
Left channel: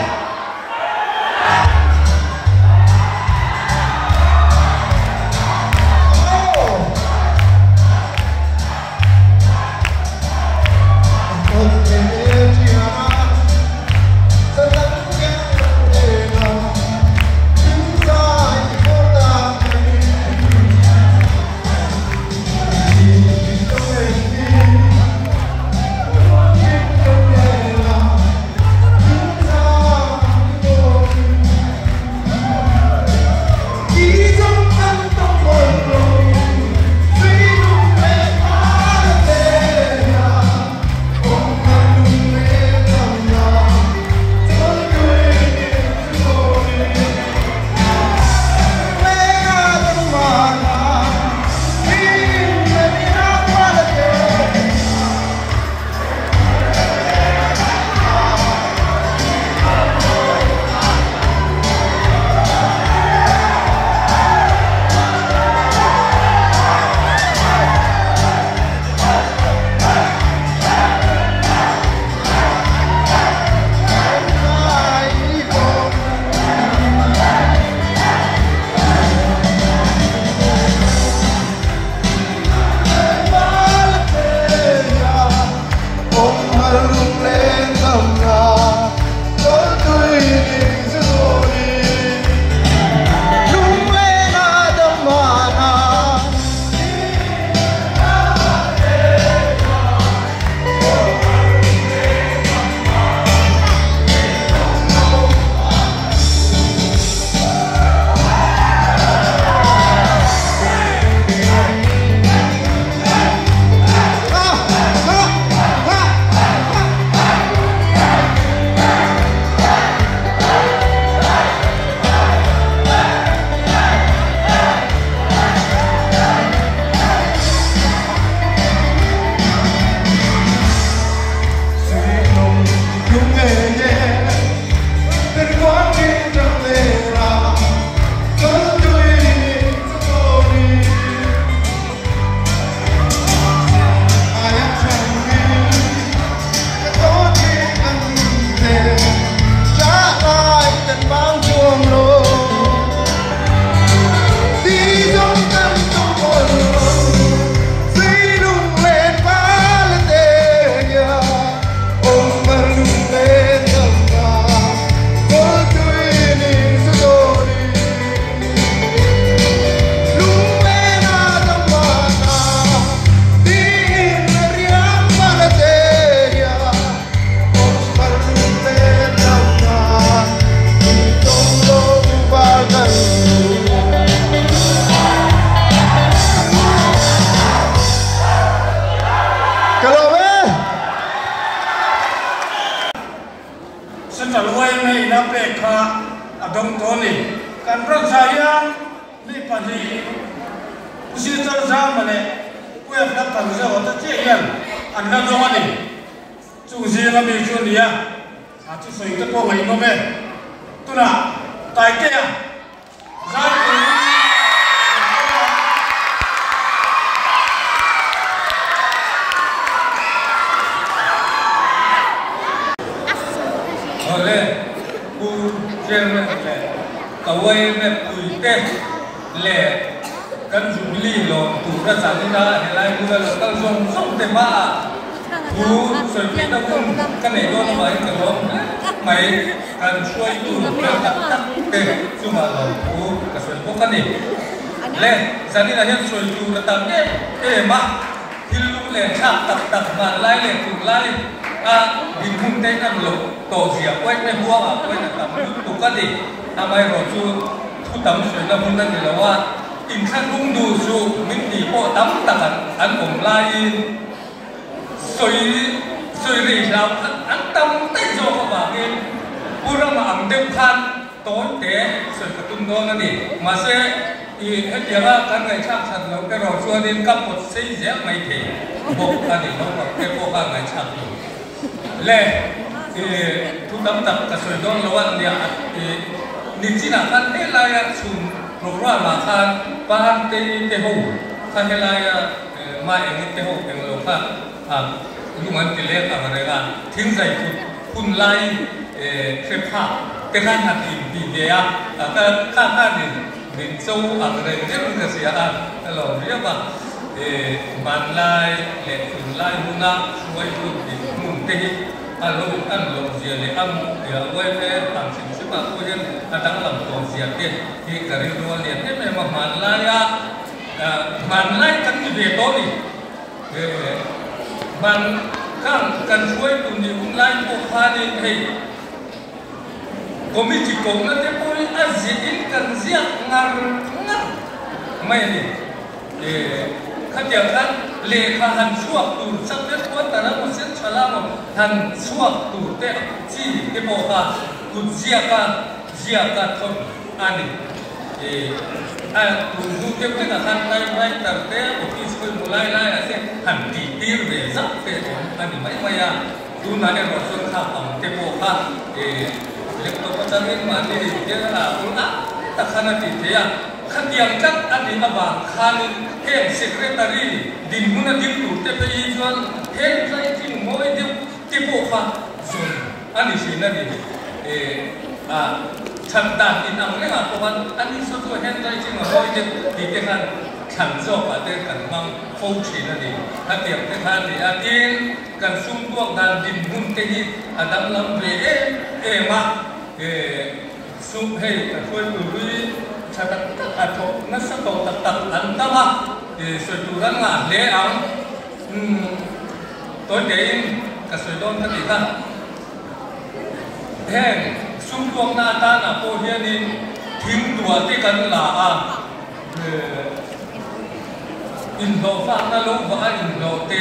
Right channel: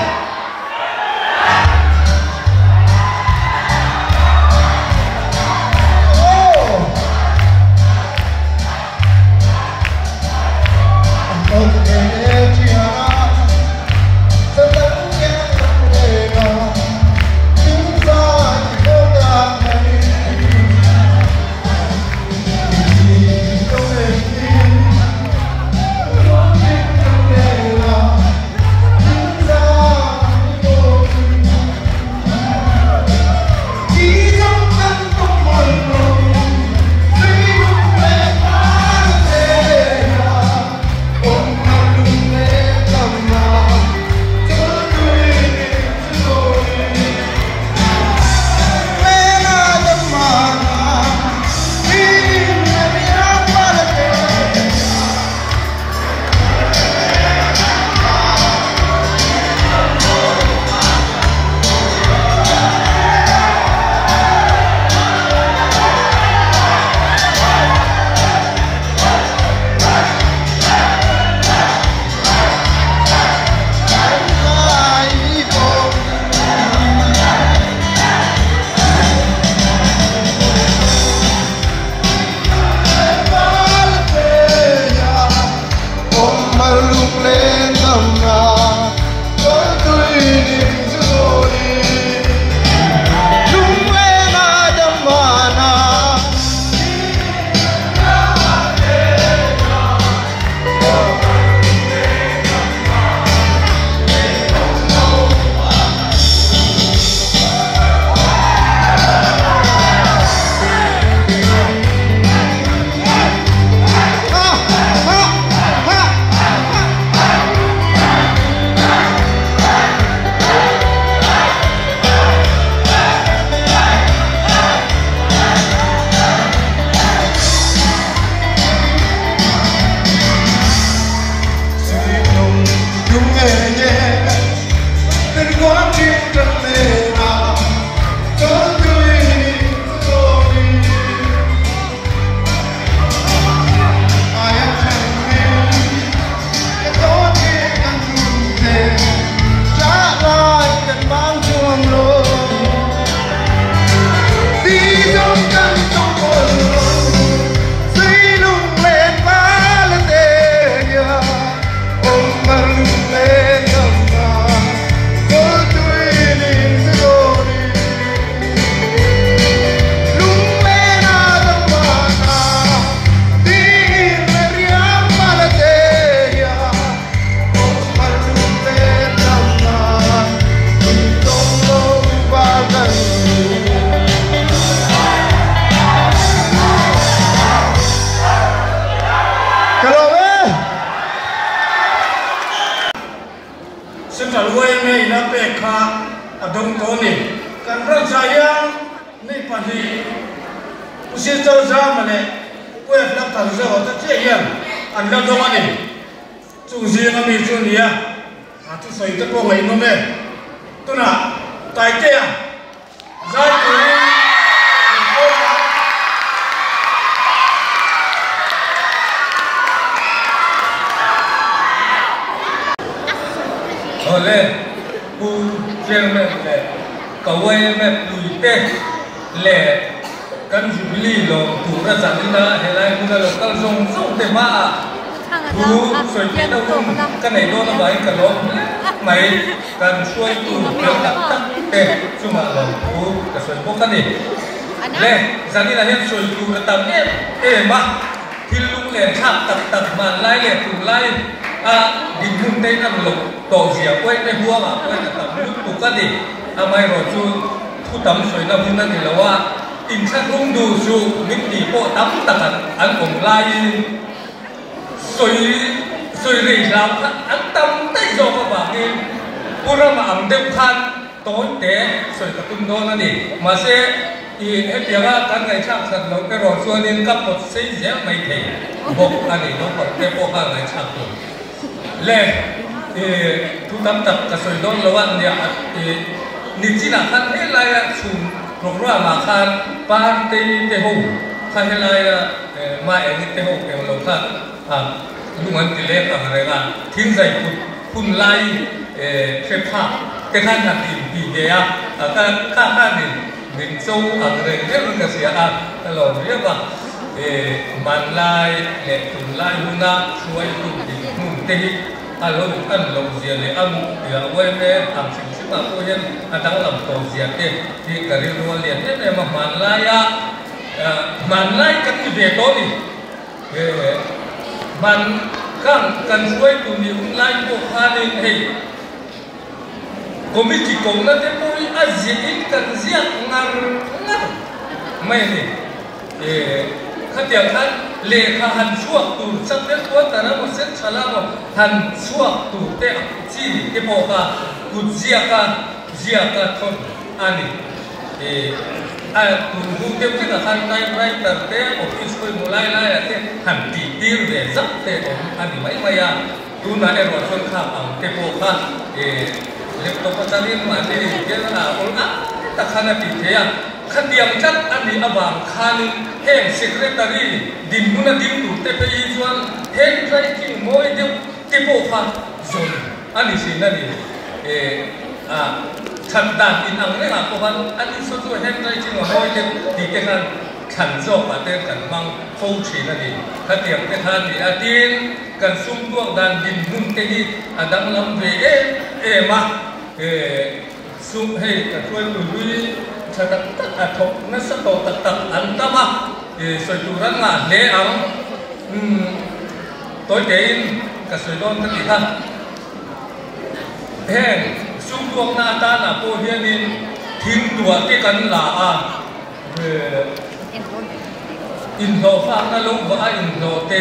te hian an la dong ani chu zing ami chu nia a chu soi te ko ngai no me tuna tai te a za tu ole ku chen me le ka wei me ku te le kan jubili lo tu ra san na he lai ku lo kan som te ma ku soi te do kan nei lo na bai ka lo mai kan soi tu ka te chu ma lo ku ka soi ko kan ni le san ni na he soi tu ra tam e ma thil lu le tha tak ma lai le tu lai din hun te kan lo to zia quay cái huống quay là tập tụ cắt đi mai rồi chú thu tắm suối là hun thì làว่าอินชักลุ่มดูชูมิตรโปตั้มตัดอันผมลายสวยรีเราอันตั้มเต้โซก็แบบนี้พูดมาอันเดิมพันโต้เตะสวยกระตุ้นโดนนั่นนี่มาเสียอีเดียวว่าการในชาติสัตว์เราไปรอส่วนนี้กับหมดเสียเสียไม่เท่บอกอันนี้เราบอกได้บอกการในชาติเล่ทุกคำตัดกระสุนโดนระวังเนี่ยนิจินาคันเฮลายสุนโปรแกรมมาคันปานเตหูคันเฮลายมาเองเตหูเป็นโลกะลุงอันติเล่อะไรล่ะทิ้งใจคุณไล่เชื่อผ้าเป็นท่านหักหินดีเดียก็ข้านี่มินซูอะไรเนี่ยมันก็เสียตลอดเรียกว่ามันไล่เล็กคุณไล่มุนาช่วยคุณดีมุ่งเตะอันลงเสียเลยอันเดี๋ยวไว้แม่ทำสิ่งมาพูดยันอันตั้งลำตัวเสียเด็กที่กระดิ่งรัวเรียนเนี่ยมันไล่กันที่เด็กโตนี่มันกันช่วยคุณอยู่ไล่พวกพานี่เฮ้ยก็มีจิตโกงนั่นที่พูดอาเจียนกันเสียงานไม่นี่ข้าเดียวท่านเลขาหันชั่วตูดสักเล็กว่าแต่ละมุสลิมชาวลาวหันชั่วตูดเตะจีเตโปกากุเจียกาทนอันนี้ตูดหูเก็บที่นั่นท่านไม่กับเตะอฟิศคุณมุไลเตะหันตีตีเรียซักเตะอันนี้ไม่ยาดูนั่นเองว่าคนข้าเตโปกาเล็กตัวจันทร์มาที่เจ้าละคนแต่ขณะที่เทียขันเดียงจัดอันนี้มาบางคันเฮงเซกเรตารีดินมุนดินตุเตไปอีจวนเฮงใจที่มวยเดียวที่โบฟ้าจนอันนี้สินั่นนี่ฉันด่านอินอังเนี่ยเพราะว่าอันนี้สุดท้ายเฮงใจที่มวยเดียวที่เกันฉันโซ่อาเดกันมังฟูชีนั่นนี่ขันเดียงที่ท่านนี่อาทิตย์กันซุ่มดวงด่านดินมุนเตนี่อันดังลำเวมาซุ่มให้ช่วยดูฉันตัดทบนั่นสักตัวตัดอันตั้มสวยดูนั่นมาเลี้ยงตัวเด่นกับสวยโดนทั้งที่ท่านแทงสู้ดวงหน้าตาหน้าโพเฮียนี่ทิ้งตัวที่กันหลาอินโดฟ้าก็ลงว่าอินโดเต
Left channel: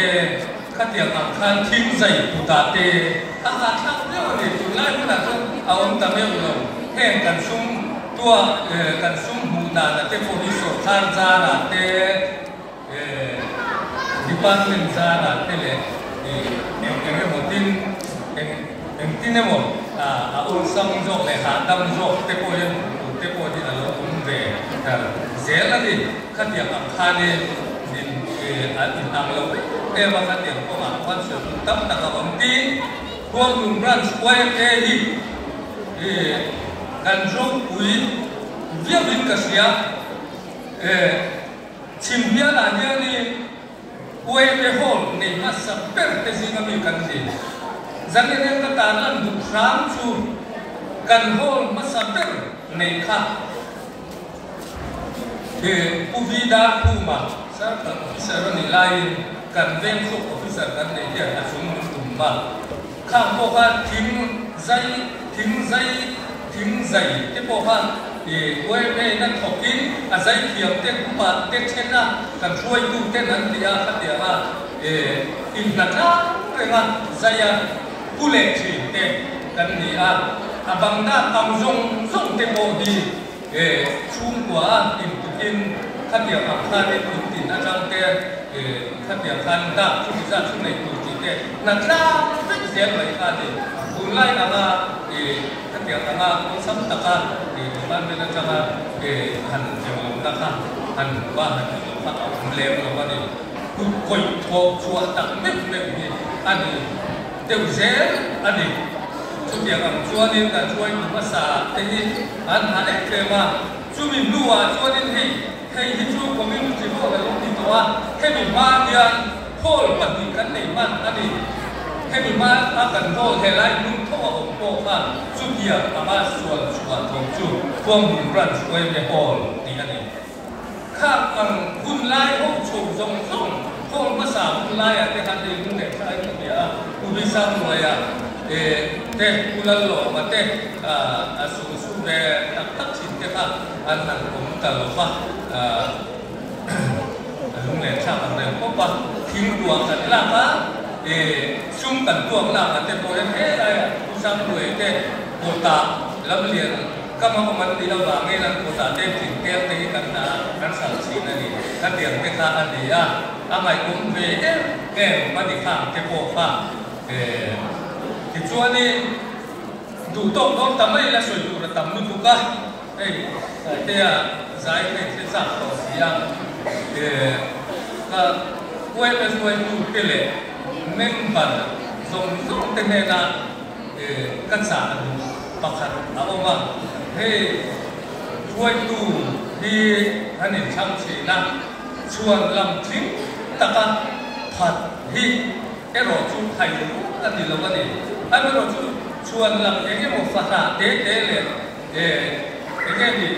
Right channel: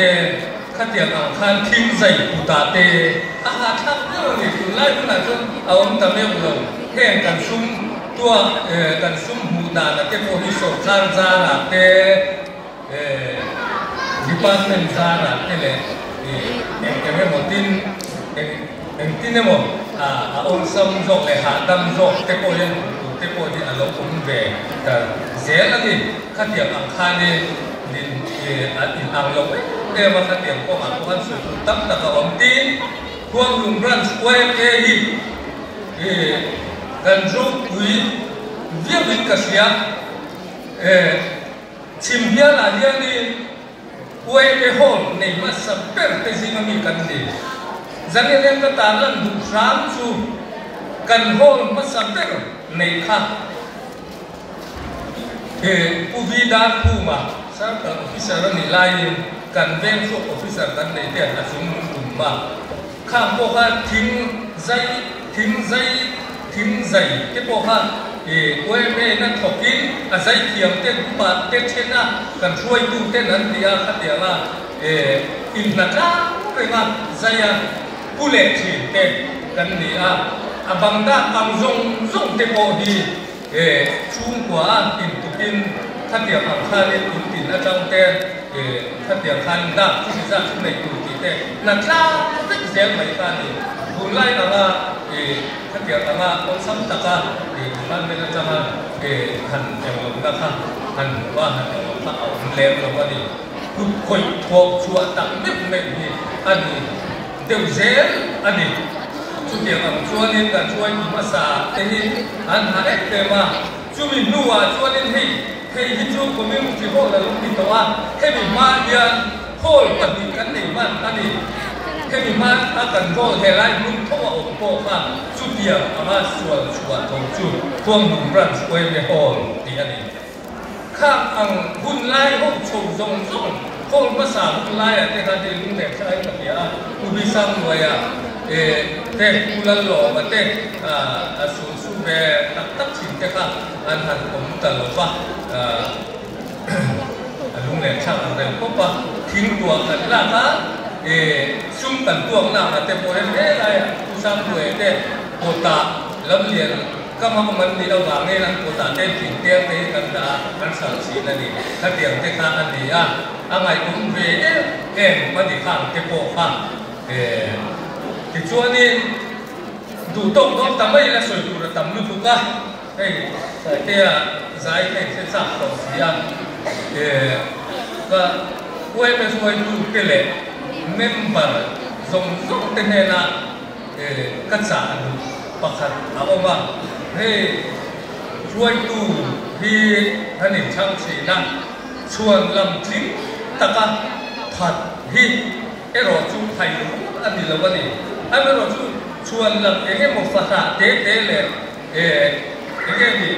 ขัดเดียงอ่างคันทิ้งใส่ปุตตาเตอาหารทับเรื่องนี้คุณไล่คุณอาจจะเอาตะเลียวลงแข่งกันซุ่มตัวกันซุ่มหูดานะเจ้าพวกที่สดทานซานะเตดิปาร์ตเมนต์ซานะเตเลยเอ็งหมดดินเอ็งที่เนี่ยหมดองค์ซัมโจเลยหาดัมโจเตโพยันเตโพที่นั่นเราคุ้มเบกันเสียแล้วดิขัดเดียงอังคารนี่ดินอินอังลงว่าขัดเดียงก็มาพวกนั้นสุดตั้งแต่กับองค์ดินพวกลุงรันสควอร์เอฮีกันรูปคุยเยี่ยมกันเสียชิมเนียละเนี่ยนี่อวยไปโหนในมาสับเปิลแต่สิ่งมีกันดีจังเรื่องก็ตามนั้นดูครามชูกันโหนมาสับเปิลในท่าผู้วิดาผู้มาสักออฟฟิเซอร์นี่ไล่กันเว้นพวกออฟฟิเซอร์กันในเดียร์สุ่มมาข้ามพวกเขาทิ้งใจที่พวกเขาเว้ยไปนั่งถกกินอาศัยเทียมเต้นบาดเต้นเช่นนั้นกันช่วยดูเต้นนั้นเดียวกันเดียวละอินทร์จ้าเรื่องใจผู้เล่นทีเต้นกันเดียวบางด้านบางส่งเต้นโบดีชุ่มกว่าอินตุกินท่านเดียวข้าเรียนอินตินอาจารย์เต้น ท่านเดียวกันนับที่จะช่วยในตัวที่เด็กนั่นล่ะเป็นเสียงเหมือนกันบุญไล่กันมาท่านเดียวกันมาองค์สัมตะกันท่านไม่ได้จะมาท่านเจ้าหลวงนะครับท่านว่าเลี้ยงลงมาดิผู้คุยพบชวนตั้งนิดไม่มีอันนี้เดี๋ยวเสียอันนี้ช่วยกันชวนนี่กันช่วยภาษาที่อันหาได้เต็มมาช่วยนัวชวนนี่ให้ฮิจูก็ไม่รู้ที่โหเลยยังติดตัวให้มีมาเรียนโหกับมีกันในมันอันนี้ให้มีมาถ้ากันโตเทไลมึงโตอกโตข้าชุดเดียวอามาส่วนของจุดพวงหุ่นรันช่วยในโหที่อันนี้ข้าอังหุ่นไล่พวกโฉมทรงโหภาษาหุ่นไล่แต่การเรียนรู้เด็กใช้คนเดียวอุบิสังเลยเด็กกุลหล่อมาเด็กสูเบตัดชิมเจ้าอันหันผมตลอดว่าลุงเลี้ยงช่างอะไรเพราะว่าทิ้งตัวกันล่ะนะซุ่มกันตัวล่ะแต่พอเห็นอะไรผู้สร้างด้วยเด็กโคตาแล้วเรียนก็มันมีระหว่างนี้นะโคตาเด็กถึงเตี้ยไปกันตาอันสั่งสีนั่นเองถ้าเดี๋ยวไปทานอันนี้อะไรผมเว้มาดิข้างเก็บโปข้างที่ช่วงนี้ดูโต๊ะก็ทำไม่ละสวยดูทำไม่ถูกกันเตี้ยสายเป็นเส้นสายต่อเสียก็ช่วยไปช่วยดูไปเลยเมมเบอร์ส่งเต็มเลยนะกันสารประคันเอาว่าช่วยดูที่ท่านเห็นช่างสีนั่งชวนลำทิ้งตะกันผัดที่รอชูไทยอันนี้เราก็ดีอันนี้เราชวนลำเองมุขสาเตะเลยเองดี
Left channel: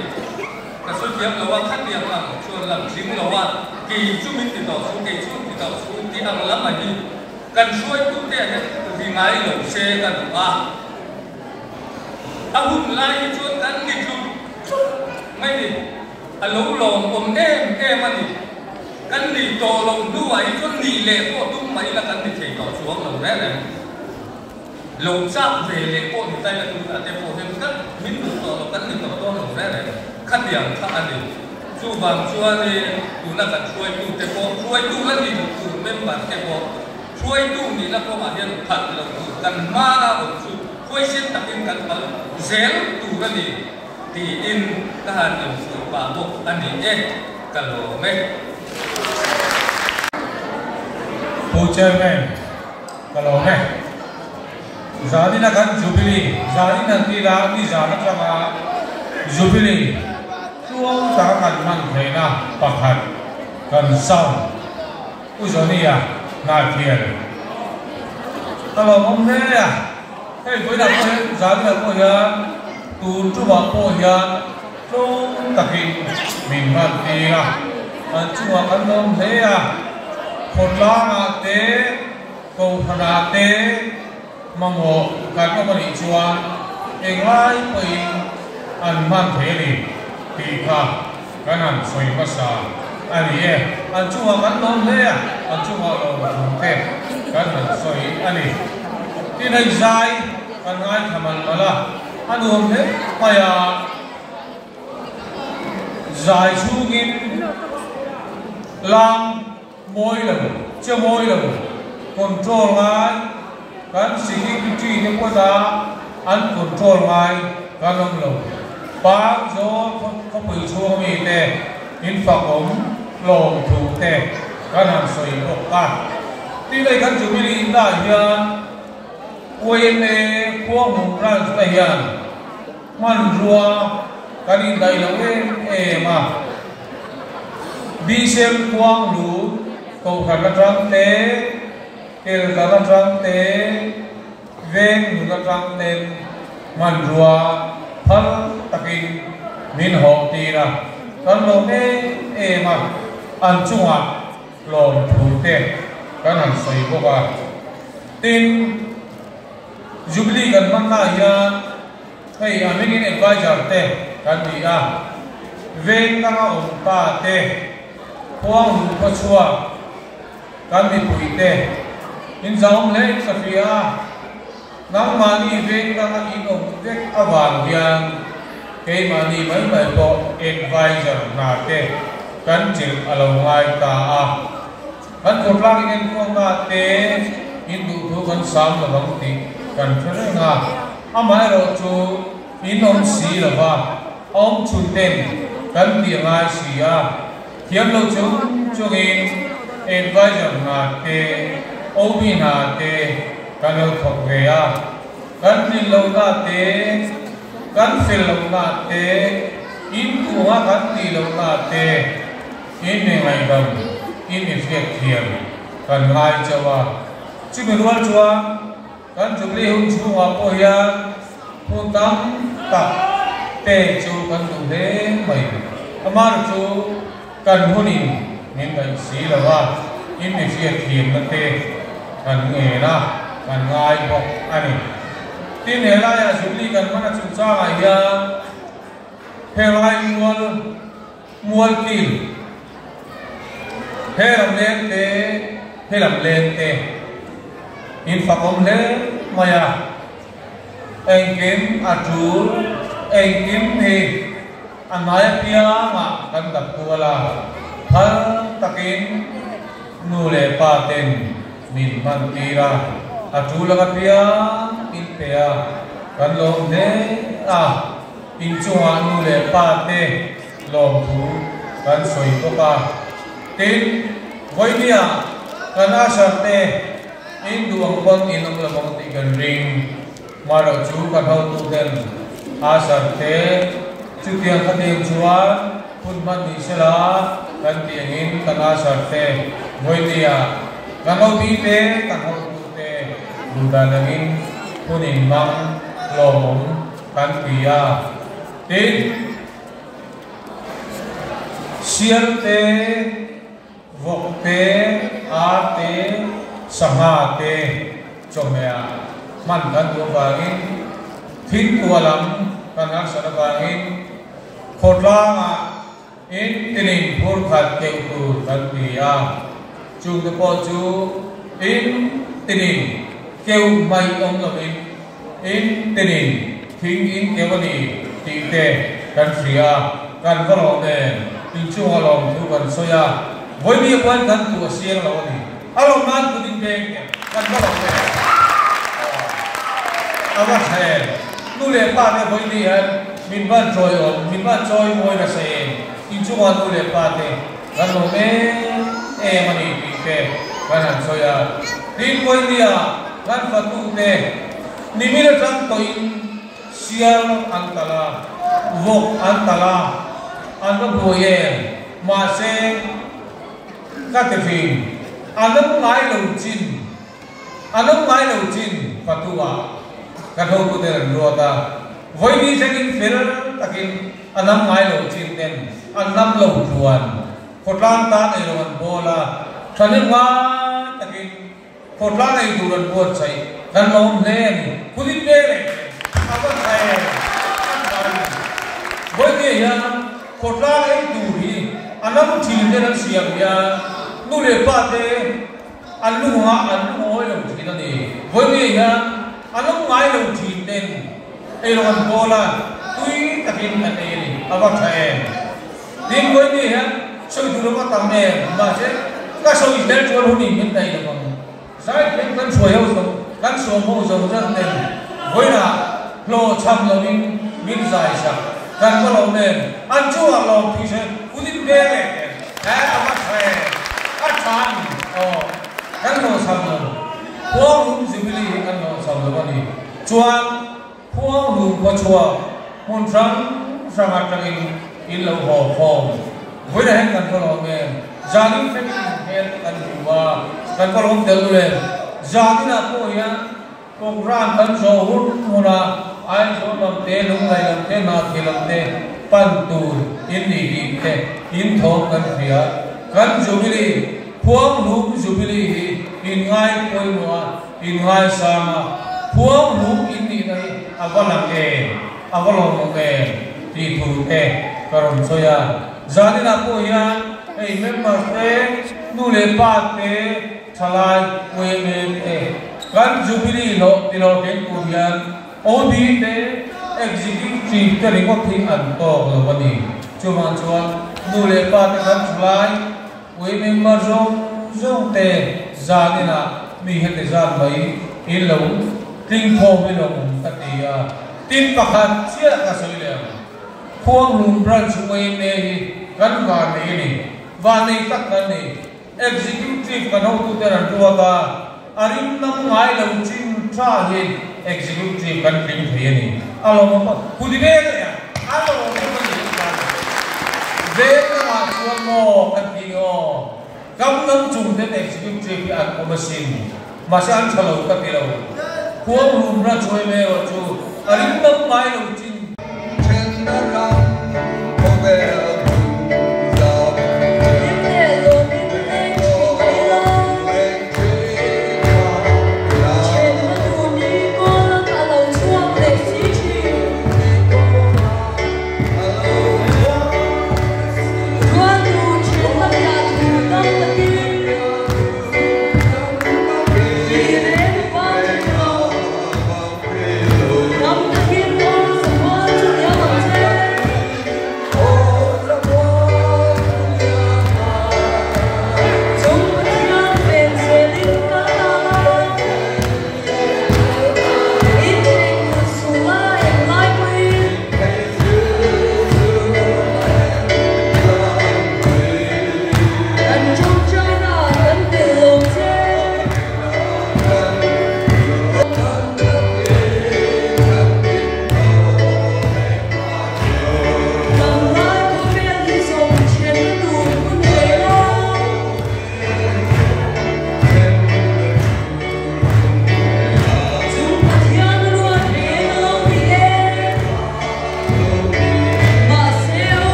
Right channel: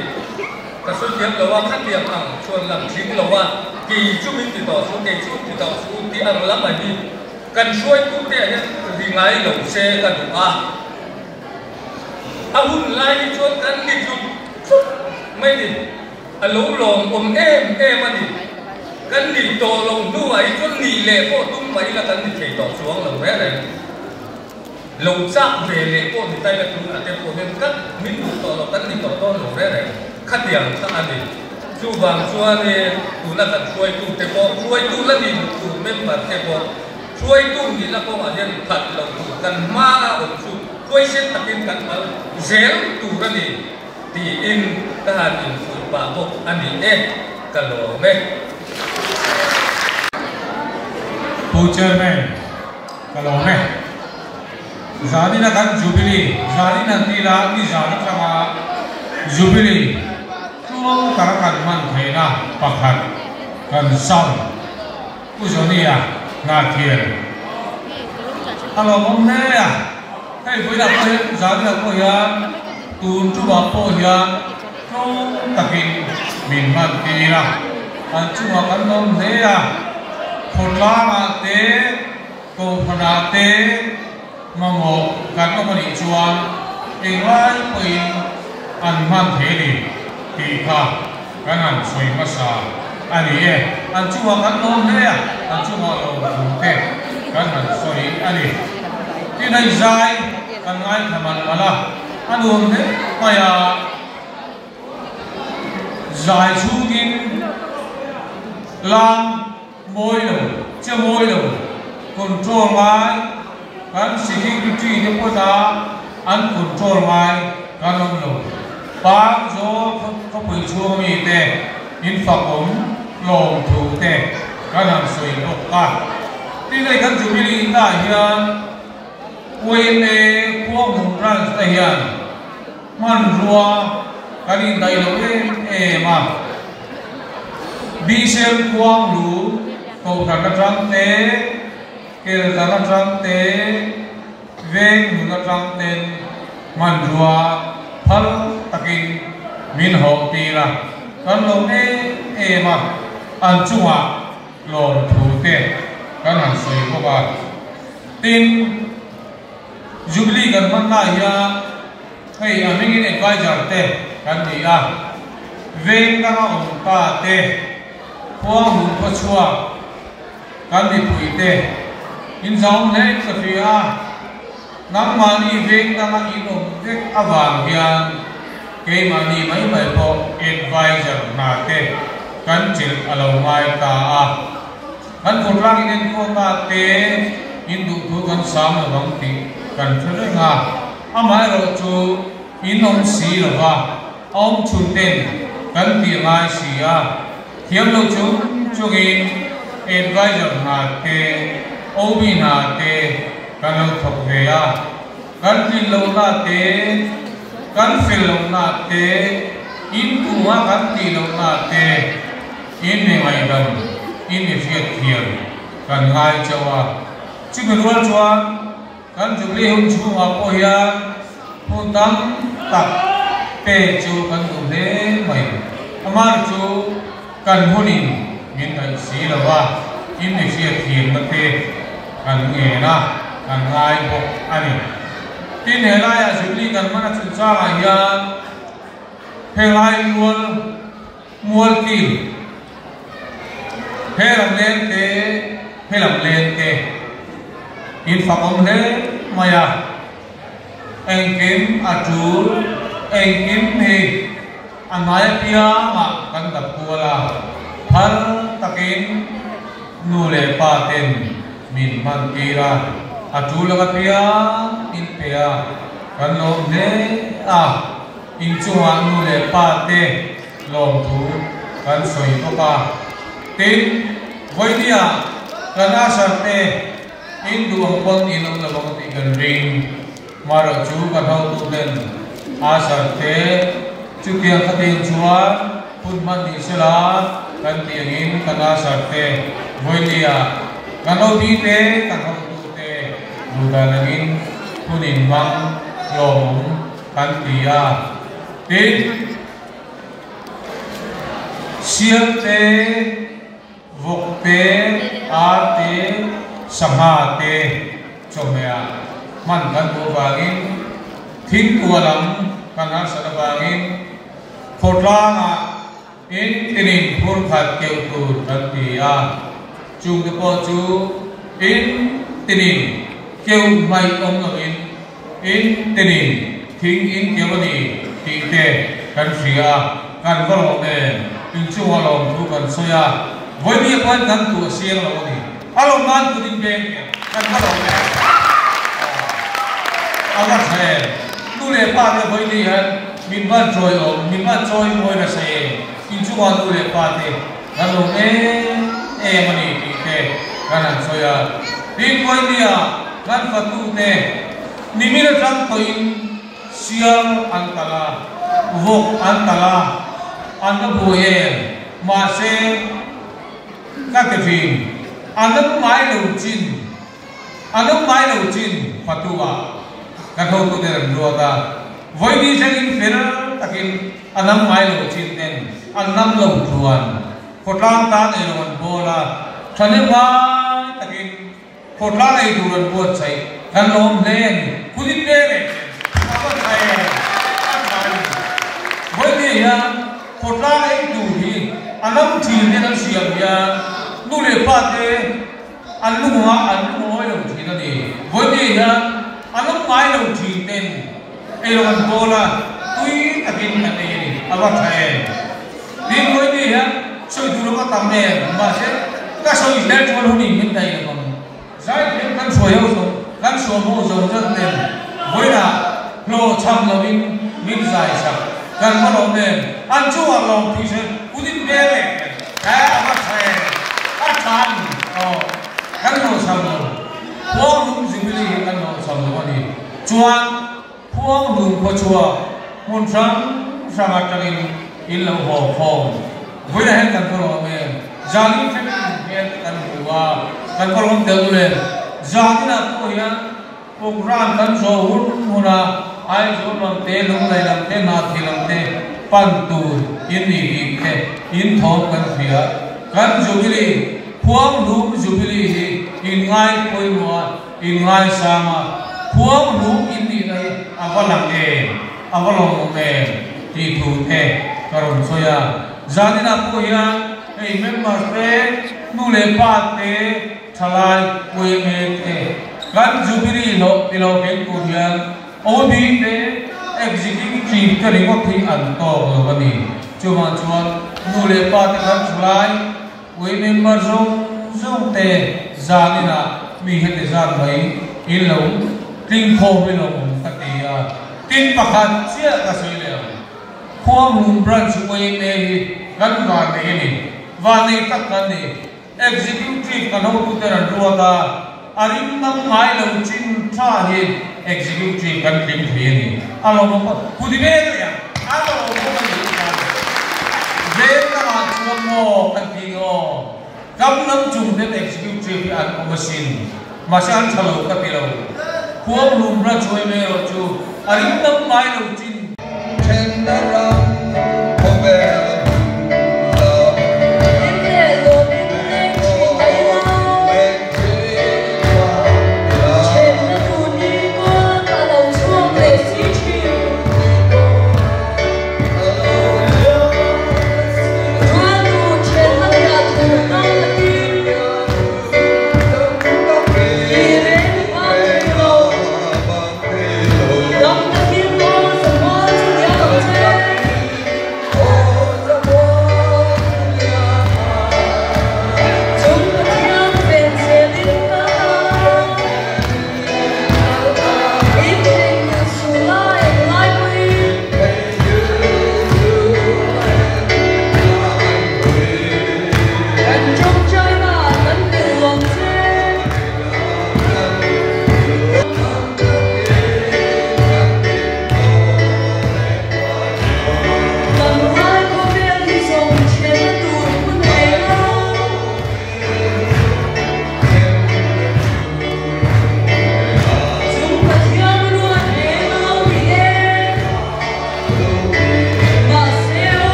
แต่ส่วนใหญ่เราว่าขั้นเดียวกันชวนลำทิ้งเราว่ากี่ชั่วโมงติดต่อสู้กี่ชั่วโมงติดต่อสู้ที่อังลับมาดีกันช่วยทุกเนี่ยที่ไงเราเชื่อกันว่าอาหุ่นไล่ชวนกันนี่ชุดไม่ดีอารมณ์ลงผมมาดีกันดีโตลงด้วยจนดีเลยก็ตุ้มไปแล้วกันดีเฉยต่อช่วงเราแน่เลยลงซักเวเลยก็ถึงได้เป็นตัวแต่พอเห็นกันไม่ดูต่อกันดีต่อต้นเราแน่เลยขัดเดียงขัดอันนี้ช่วยบางช่วยเลยดูแล้วกันช่วยตุ้มแต่พอช่วยตุ้มแล้วดีดูไม่เหมือนแต่พอช่วยตุ้มนี่แล้วก็มาเรียนขัดเราดูกันมาผมช่วยเช็ดตะกินกันมาเสียงตูรันนี่ตีอินทหารอินสุบาบกอันนี้กันโลเมผู้เชิญแม่กันโลเมจารีนักการจูบิลีจารีนักตีลามีจารีนักมาจูบิลีช่วงกลางกันมันเทน่าปักหันกันเศร้าผู้ชนีอ่ะน่าเกลียดกันโลผมเนี่ยให้คุยกับเพื่อนจารีนักผู้ยาตูนจูบผู้ยาช่วงตะกี้มีมันตีละอันช่วงกันโลเนี่ยคนละมาเตะกงพนาเตะมังโงกันก็มาดิชัวเองไล่ไปอันมันเทลีตีข้ากันอันสวยภาษาอันนี้อันชัวกันโน้มเนี่ยอันชัวเราบันเทกันอันสวยอันนี้ที่ในใจกันง่ายทำมันมาละอันนู้นเนี่ยไปใจชูกินลังมวยเลยจะมวยเลยคอนโทรลไว้การsecurity เนี่ยก็ได้อันคอนโทรลไว้การลงเลยบางโซ่เขาไปช่วยมีแต่อินฟักผมลงถูกแต่การทำสวยออกกันที่ในการจุดนี้ได้ยังเว้นพวกมุ่งร้านได้ยังมันรัวการอินได้เลยมาบิเซลควงดูโตกันกระจังเตะเกลกันกระจังเตะเวงกระจังเตะมันรัวพัลตะกินมินหงตีละกันลงมาอันจังหวะลงถูเตะกันหันใส่พวกว่าตินจุบลีกันมันน่าอย่าให้อามิกินไว้จัดเตะกันดีเวงกันอันตาเตะพวกหนุ่มก็ชัวกันดีปุยเตอินสองเล็กสักทีน้ำมันอีเวงกันอีโน่เด็กอวานยังเกมันอีไม่ไปพอเอ็ดไวเซอร์นาเตกันจิลอารมณ์ไงตา kan korlang inen ko ma te indu thu kan sam la bang ti kan thule nga amai ro chu inom si la wa om chu ten kan ti ngai si a thiam lo chu chu in advisor nga te obi na te kan lo thok ve a kan ti lo na te kan fil lo na te in tu ha kan ti lo na te in ne mai dan in ne fiat thiam kan ngai chawa chi ko rual chua kan jubli hum chu ma po ya pu tam tak te chu kan du le mai amar chu kan hunin min dai si la wa in ne fiat thiam ma te kan nge na kan ngai ho ani tin he la ya jubli kan mana chu cha ga ya he lai mual ki he lam len te in fa om le maya anh kim atul anh kim he anai pia ma kan da kuala thal takin nu le pa ten min man kira atul la pia in pia kan lo ne a in chua nu le pa te long thu kan soi ko pa tin voi dia kan asar te in duang pon inom la bang ti kan ring mara chu kan hau tu den asar te chu tiang khating chua pun man ni sela kan tiang in kan asar te voi dia kan hau ti te kan hau tu te du da langin punin mang long kan tia tin siam te vok te ar te sangha te chomea man kan do bangin thin kualam kana sa bangin khotla in tinin phur khat ke tu kan tia chu de po chu in tinin keu mai om lo in tinin thing in kewani ti te kan ria kan valo de in chu alom thu kan soya voi mi pan kan tu siang lo ni alom nan tu din beng kan valo de awa the nu le pa me voi ni han min ban choi om min ban choi moi na se in chu wan nu le pa te kan lo me e mani ti te kan an soya din voi ni a kan fa tu te ni mi ra tram to in siang antala vok antala anda boye ma se katefin anam mai lo chin fatua kan ho ko der rota voi ni jangin fer takin anam mai lo chin den anam lo tuan khotlang ta e ron bola thanen wa takin khotlang ai du ron bo chai kan lom len kulit de awan ai voi ni ya khotlang ai du hi anam thin de nan siam ya nu le pa te anu ha anu oi lo thin ani voi ni ya anam ngai lo thin den ai lo kan bola tui takin ane ni awa thai din voi ni ya so du ro ka tam ne ma se ka so is let one hu ni min dai ni sai ken kan so yo so kan so mo so jang ne voi na lo cham lo min zai sa kan mo lo ne an chu a lo thi se udin be le ha awa thai a chan kan lo sam lo phuang rum jibili kan lo sam lo ni chuan phuang ru ko chua mun sang sang atangin in lo ho phong voi na hen kan ko lo me jali fe hen kan wa kan ko lo de le jali na ko ya program kan so hun huna ai so lam te lung lai lam te na thi lam te pan tu in ni hi te in thong kan phia kan jubili phuang rum jubili hi in ngai koi wa in ngai sama phuang rum in ni nai avalang e avalong e ti thu te karon soya janina po ya ei member te nu le pa te thalai koi me te kan jubili lo tilo ken ku yan obi te executive ka ringo thing an to lo bani chuan nu le pa te kan thalai koi member dâu tê ra nên là mình hết thời gian mấy in lâu tinh khô với lâu các thì tin bạc hạt chia cả sợi lệ khuôn lùm branch quay này gắn vào này này và này các cái này executive cái nào cũng tên là đua ta arim năm ngày lâu chín tra hiện executive cái linh thuyền này alo mà cụ thể cái gì alo mà về là chuột mò cái gì ó cắm nắm chung đến executive ăn có machine mà sao ăn chalo cái gì đâu khuôn lùm branch quay này chú arim năm ngày lâu